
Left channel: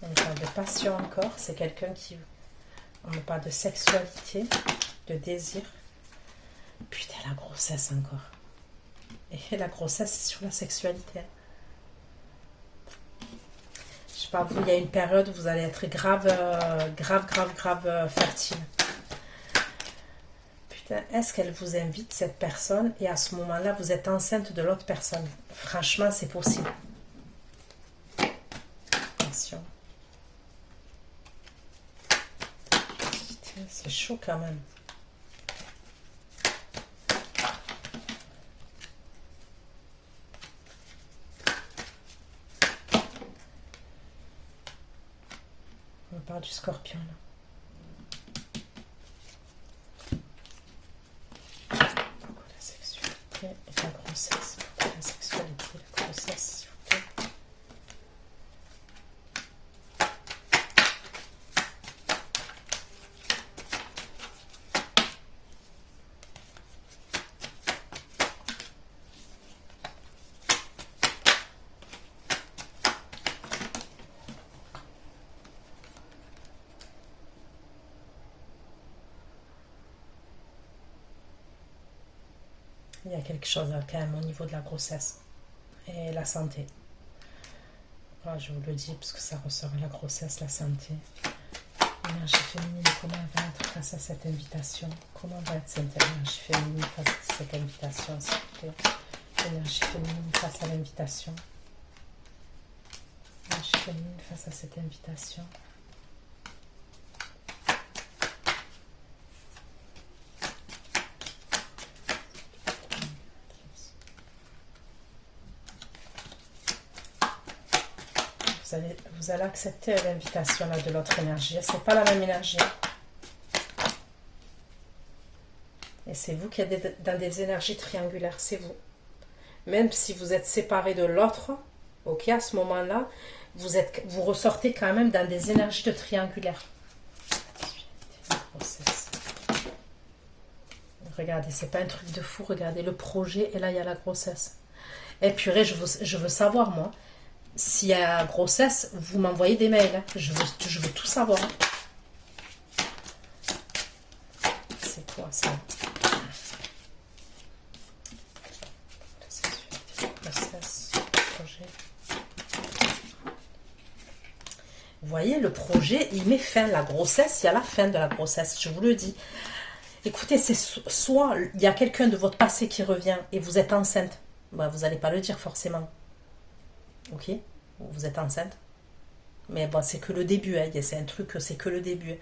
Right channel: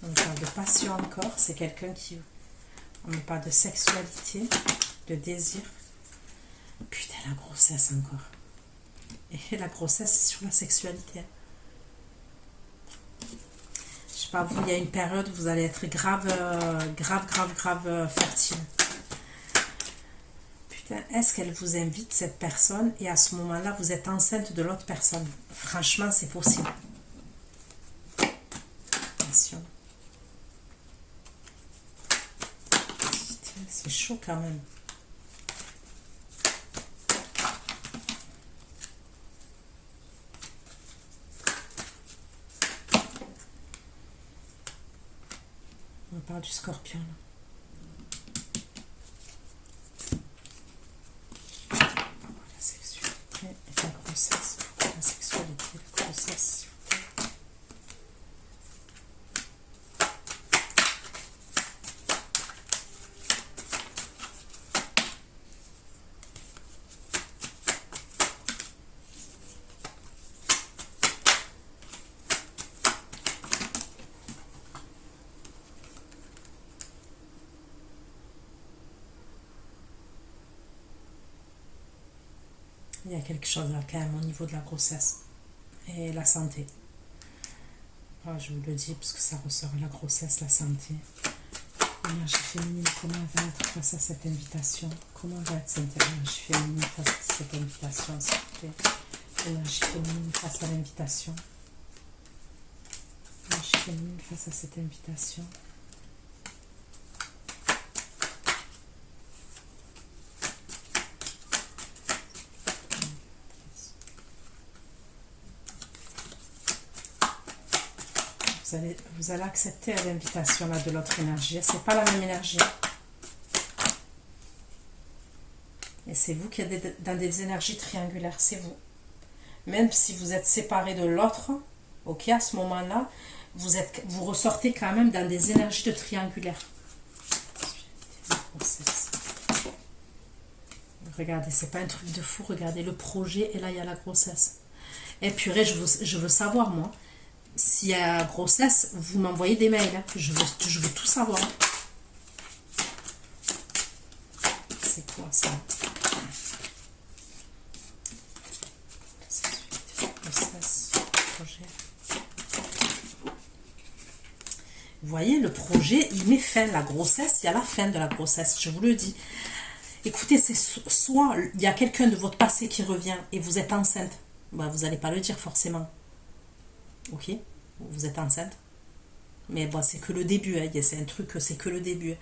on me parle de passion encore. C'est quelqu'un qui... On me parle de sexualité, de désir. Putain, la grossesse encore. Et la grossesse, c'est sur la sexualité. Je sais pas, vous, il y a une période où vous allez être grave fertile. Putain, est-ce qu'elle vous invite, cette personne, et à ce moment-là, vous êtes enceinte de l'autre personne? Franchement, c'est possible. Attention. C'est chaud quand même. On parle du scorpion. La sexualité et la grossesse. La sexualité et la grossesse, s'il vous plaît. Il y a quelque chose là, quand même au niveau de la grossesse et la santé. Oh, je vous le dis parce que ça ressort la grossesse, la santé. Énergie féminine, comment elle va être face à cette invitation? Comment va être cette énergie féminine face à cette invitation, s'il vous plaît? Énergie féminine face à l'invitation. Énergie féminine face à cette invitation. Vous allez accepter l'invitation de l'autre énergie. C'est pas la même énergie. Et c'est vous qui êtes dans des énergies triangulaires. C'est vous. Même si vous êtes séparés de l'autre, ok, à ce moment-là, vous ressortez quand même dans des énergies de triangulaire. Regardez, c'est pas un truc de fou. Regardez le projet et là, il y a la grossesse. Et purée, je veux savoir, moi. S'il y a grossesse, vous m'envoyez des mails. Hein. Je veux tout savoir. C'est quoi ça? Grossesse, projet. Vous voyez, le projet, il met fin. La grossesse, il y a la fin de la grossesse. Je vous le dis. Écoutez, c'est soit il y a quelqu'un de votre passé qui revient et vous êtes enceinte. Bah, vous n'allez pas le dire forcément. Ok, vous êtes enceinte. Mais bon, c'est que le début. Hein. C'est un truc, c'est que le début.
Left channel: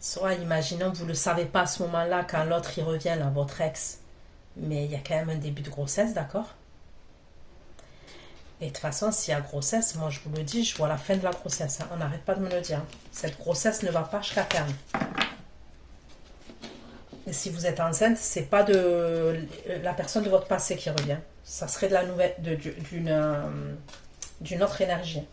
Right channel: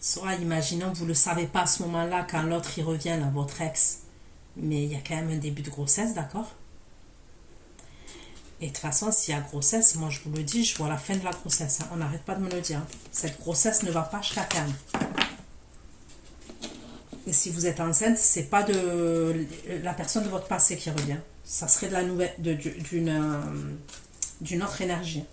Soit, imaginons, vous ne le savez pas à ce moment-là, quand l'autre il revient, là, votre ex. Mais il y a quand même un début de grossesse, d'accord? Et de toute façon, s'il y a grossesse, moi je vous le dis, je vois la fin de la grossesse. Hein. On n'arrête pas de me le dire. Cette grossesse ne va pas jusqu'à terme. Et si vous êtes enceinte, c'est pas de la personne de votre passé qui revient. Ça serait de la nouvelle, d'une autre énergie.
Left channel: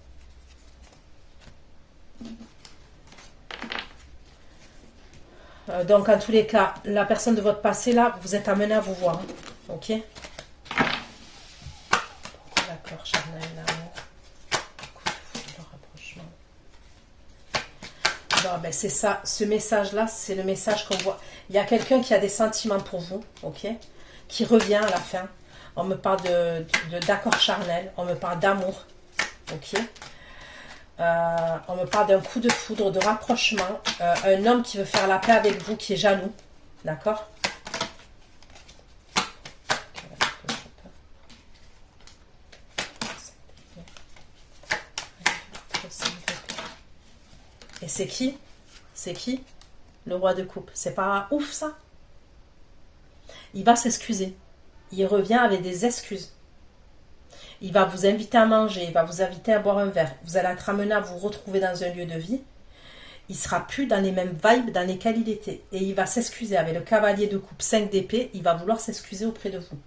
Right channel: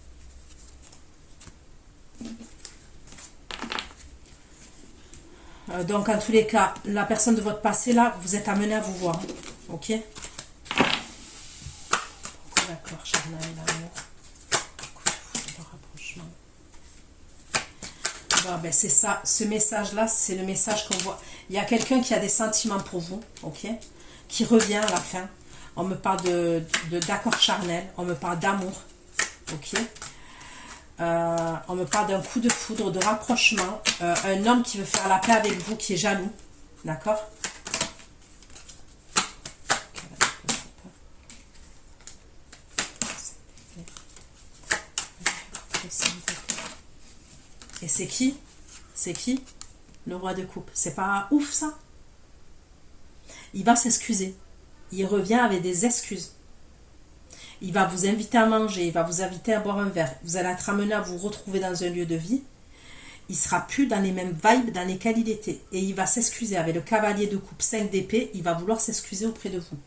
Donc, en tous les cas, la personne de votre passé, là, vous êtes amené à vous voir. Ok? D'accord, charnel, l'amour. Le rapprochement. Bon, ben, c'est ça. Ce message-là, c'est le message qu'on voit. Il y a quelqu'un qui a des sentiments pour vous. Ok? Qui revient à la fin. On me parle d'accord charnel. On me parle d'amour. Ok? On me parle d'un coup de foudre, de rapprochement. Un homme qui veut faire la paix avec vous, qui est jaloux. D'accord? Et c'est qui? C'est qui? Le roi de coupe. C'est pas ouf, ça? Il va s'excuser. Il revient avec des excuses. Il va vous inviter à manger, il va vous inviter à boire un verre. Vous allez être amené à vous retrouver dans un lieu de vie. Il sera plus dans les mêmes vibes dans lesquelles il était. Et il va s'excuser avec le cavalier de coupe 5 d'épée. Il va vouloir s'excuser auprès de vous.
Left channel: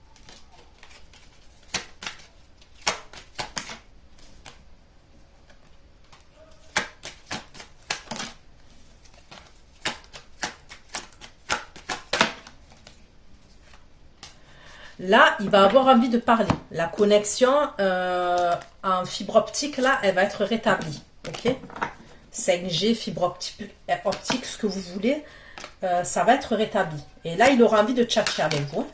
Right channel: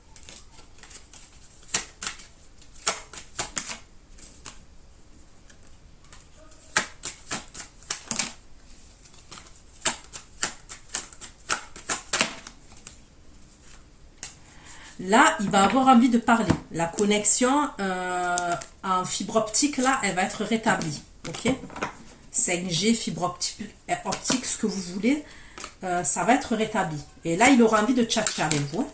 Là, il va avoir envie de parler. La connexion en fibre optique, là, elle va être rétablie. Ok? 5G, fibre optique, ce que vous voulez, ça va être rétabli. Et là, il aura envie de tchatcher avec vous.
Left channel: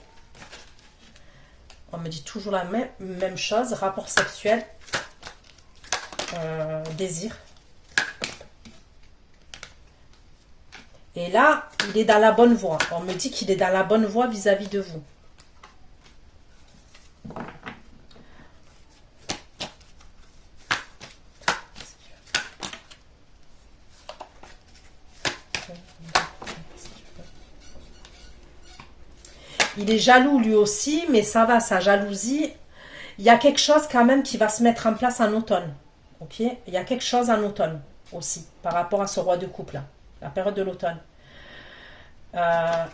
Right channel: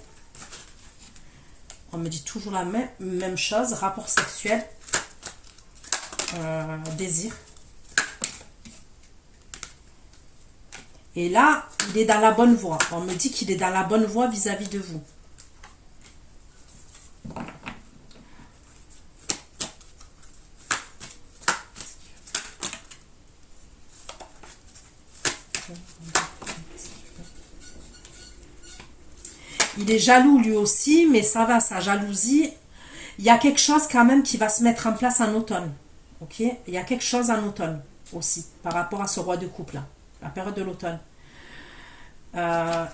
On me dit toujours la même chose. Rapport sexuel, désir. Et là, il est dans la bonne voie. On me dit qu'il est dans la bonne voie vis-à-vis de vous. Il est jaloux lui aussi, mais ça va, sa jalousie. Il y a quelque chose quand même qui va se mettre en place en automne. Ok? Il y a quelque chose en automne aussi, par rapport à ce roi de coupe là, la période de l'automne.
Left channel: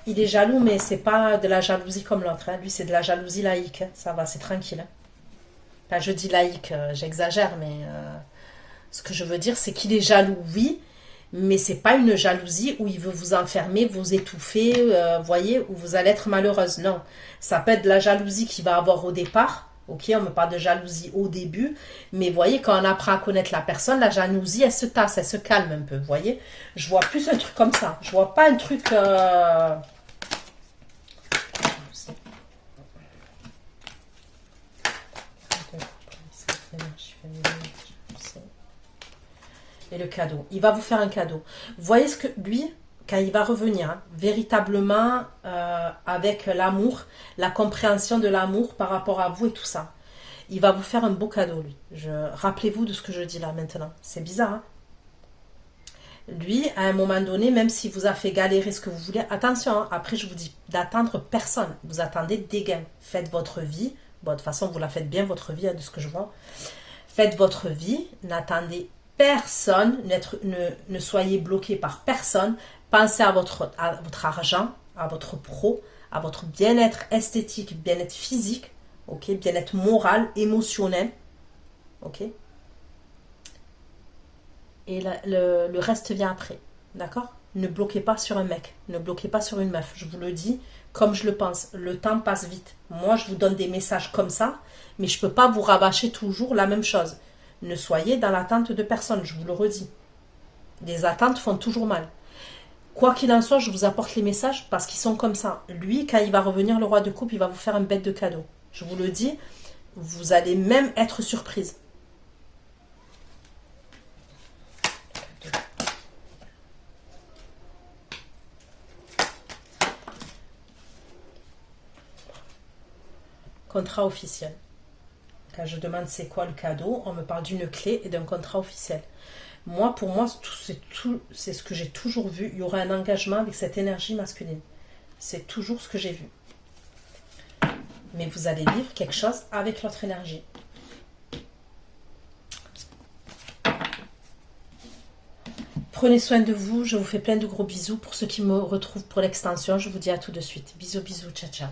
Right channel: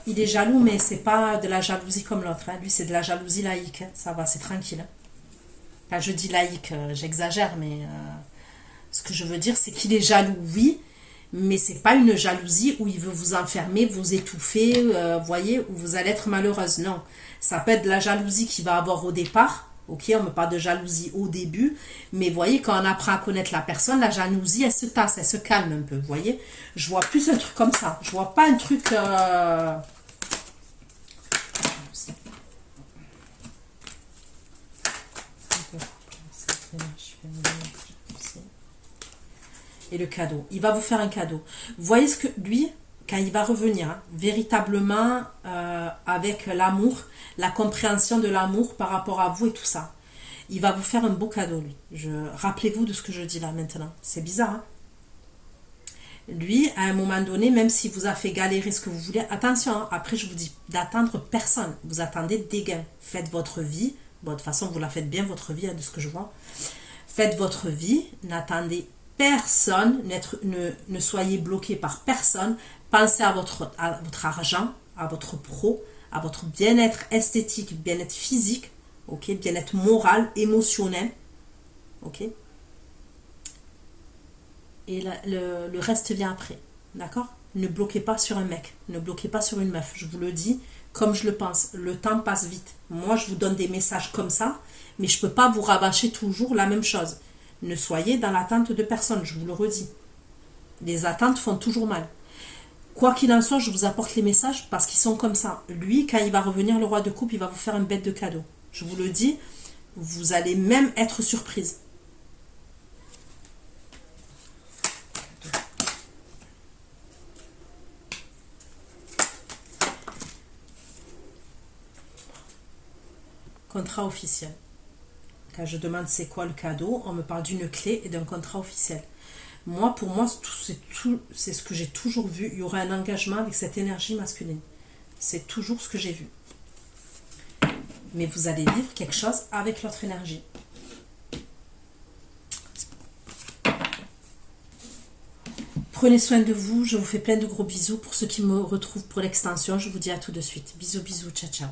Il est jaloux, mais c'est pas de la jalousie comme l'autre. Hein. Lui, c'est de la jalousie laïque. Hein. Ça va, c'est tranquille. Hein. Enfin, je dis laïque, j'exagère, mais ce que je veux dire, c'est qu'il est jaloux, oui, mais c'est pas une jalousie où il veut vous enfermer, vous étouffer, voyez, où vous allez être malheureuse. Non, ça peut être de la jalousie qu'il va avoir au départ. Ok, on me parle de jalousie au début, mais voyez, quand on apprend à connaître la personne, la jalousie, elle se tasse, elle se calme un peu, voyez. Je vois plus un truc comme ça. Je vois pas un truc... Et le cadeau. Il va vous faire un cadeau. Vous voyez ce que lui, quand il va revenir, hein, véritablement avec l'amour, la compréhension de l'amour par rapport à vous et tout ça, il va vous faire un beau cadeau, lui. Rappelez-vous de ce que je dis là maintenant. C'est bizarre, hein? Lui, à un moment donné, même s'il vous a fait galérer ce que vous voulez, attention, hein, après je vous dis d'attendre personne. Vous attendez des gains. Faites votre vie. Bon, de toute façon, vous la faites bien, votre vie, hein, de ce que je vois. Faites votre vie. N'attendez personne. Ne soyez bloqué par personne. Pensez à votre argent, à votre pro, à votre bien-être esthétique, bien-être physique, ok, bien-être moral, émotionnel, ok. Et le reste vient après, d'accord? Ne bloquez pas sur un mec, ne bloquez pas sur une meuf, je vous le dis comme je le pense, le temps passe vite. Moi, je vous donne des messages comme ça, mais je ne peux pas vous rabâcher toujours la même chose. Ne soyez dans l'attente de personne, je vous le redis. Les attentes font toujours mal. Quoi qu'il en soit, je vous apporte les messages parce qu'ils sont comme ça. Lui, quand il va revenir, le roi de coupe, il va vous faire une bête de cadeau. Je vous le dis, vous allez même être surprise. Contrat officiel. Quand je demande c'est quoi le cadeau, on me parle d'une clé et d'un contrat officiel. Moi, pour moi, c'est ce que j'ai toujours vu. Il y aurait un engagement avec cette énergie masculine. C'est toujours ce que j'ai vu. Mais vous allez vivre quelque chose avec l'autre énergie. Prenez soin de vous. Je vous fais plein de gros bisous. Pour ceux qui me retrouvent pour l'extension, je vous dis à tout de suite. Bisous, bisous. Ciao, ciao.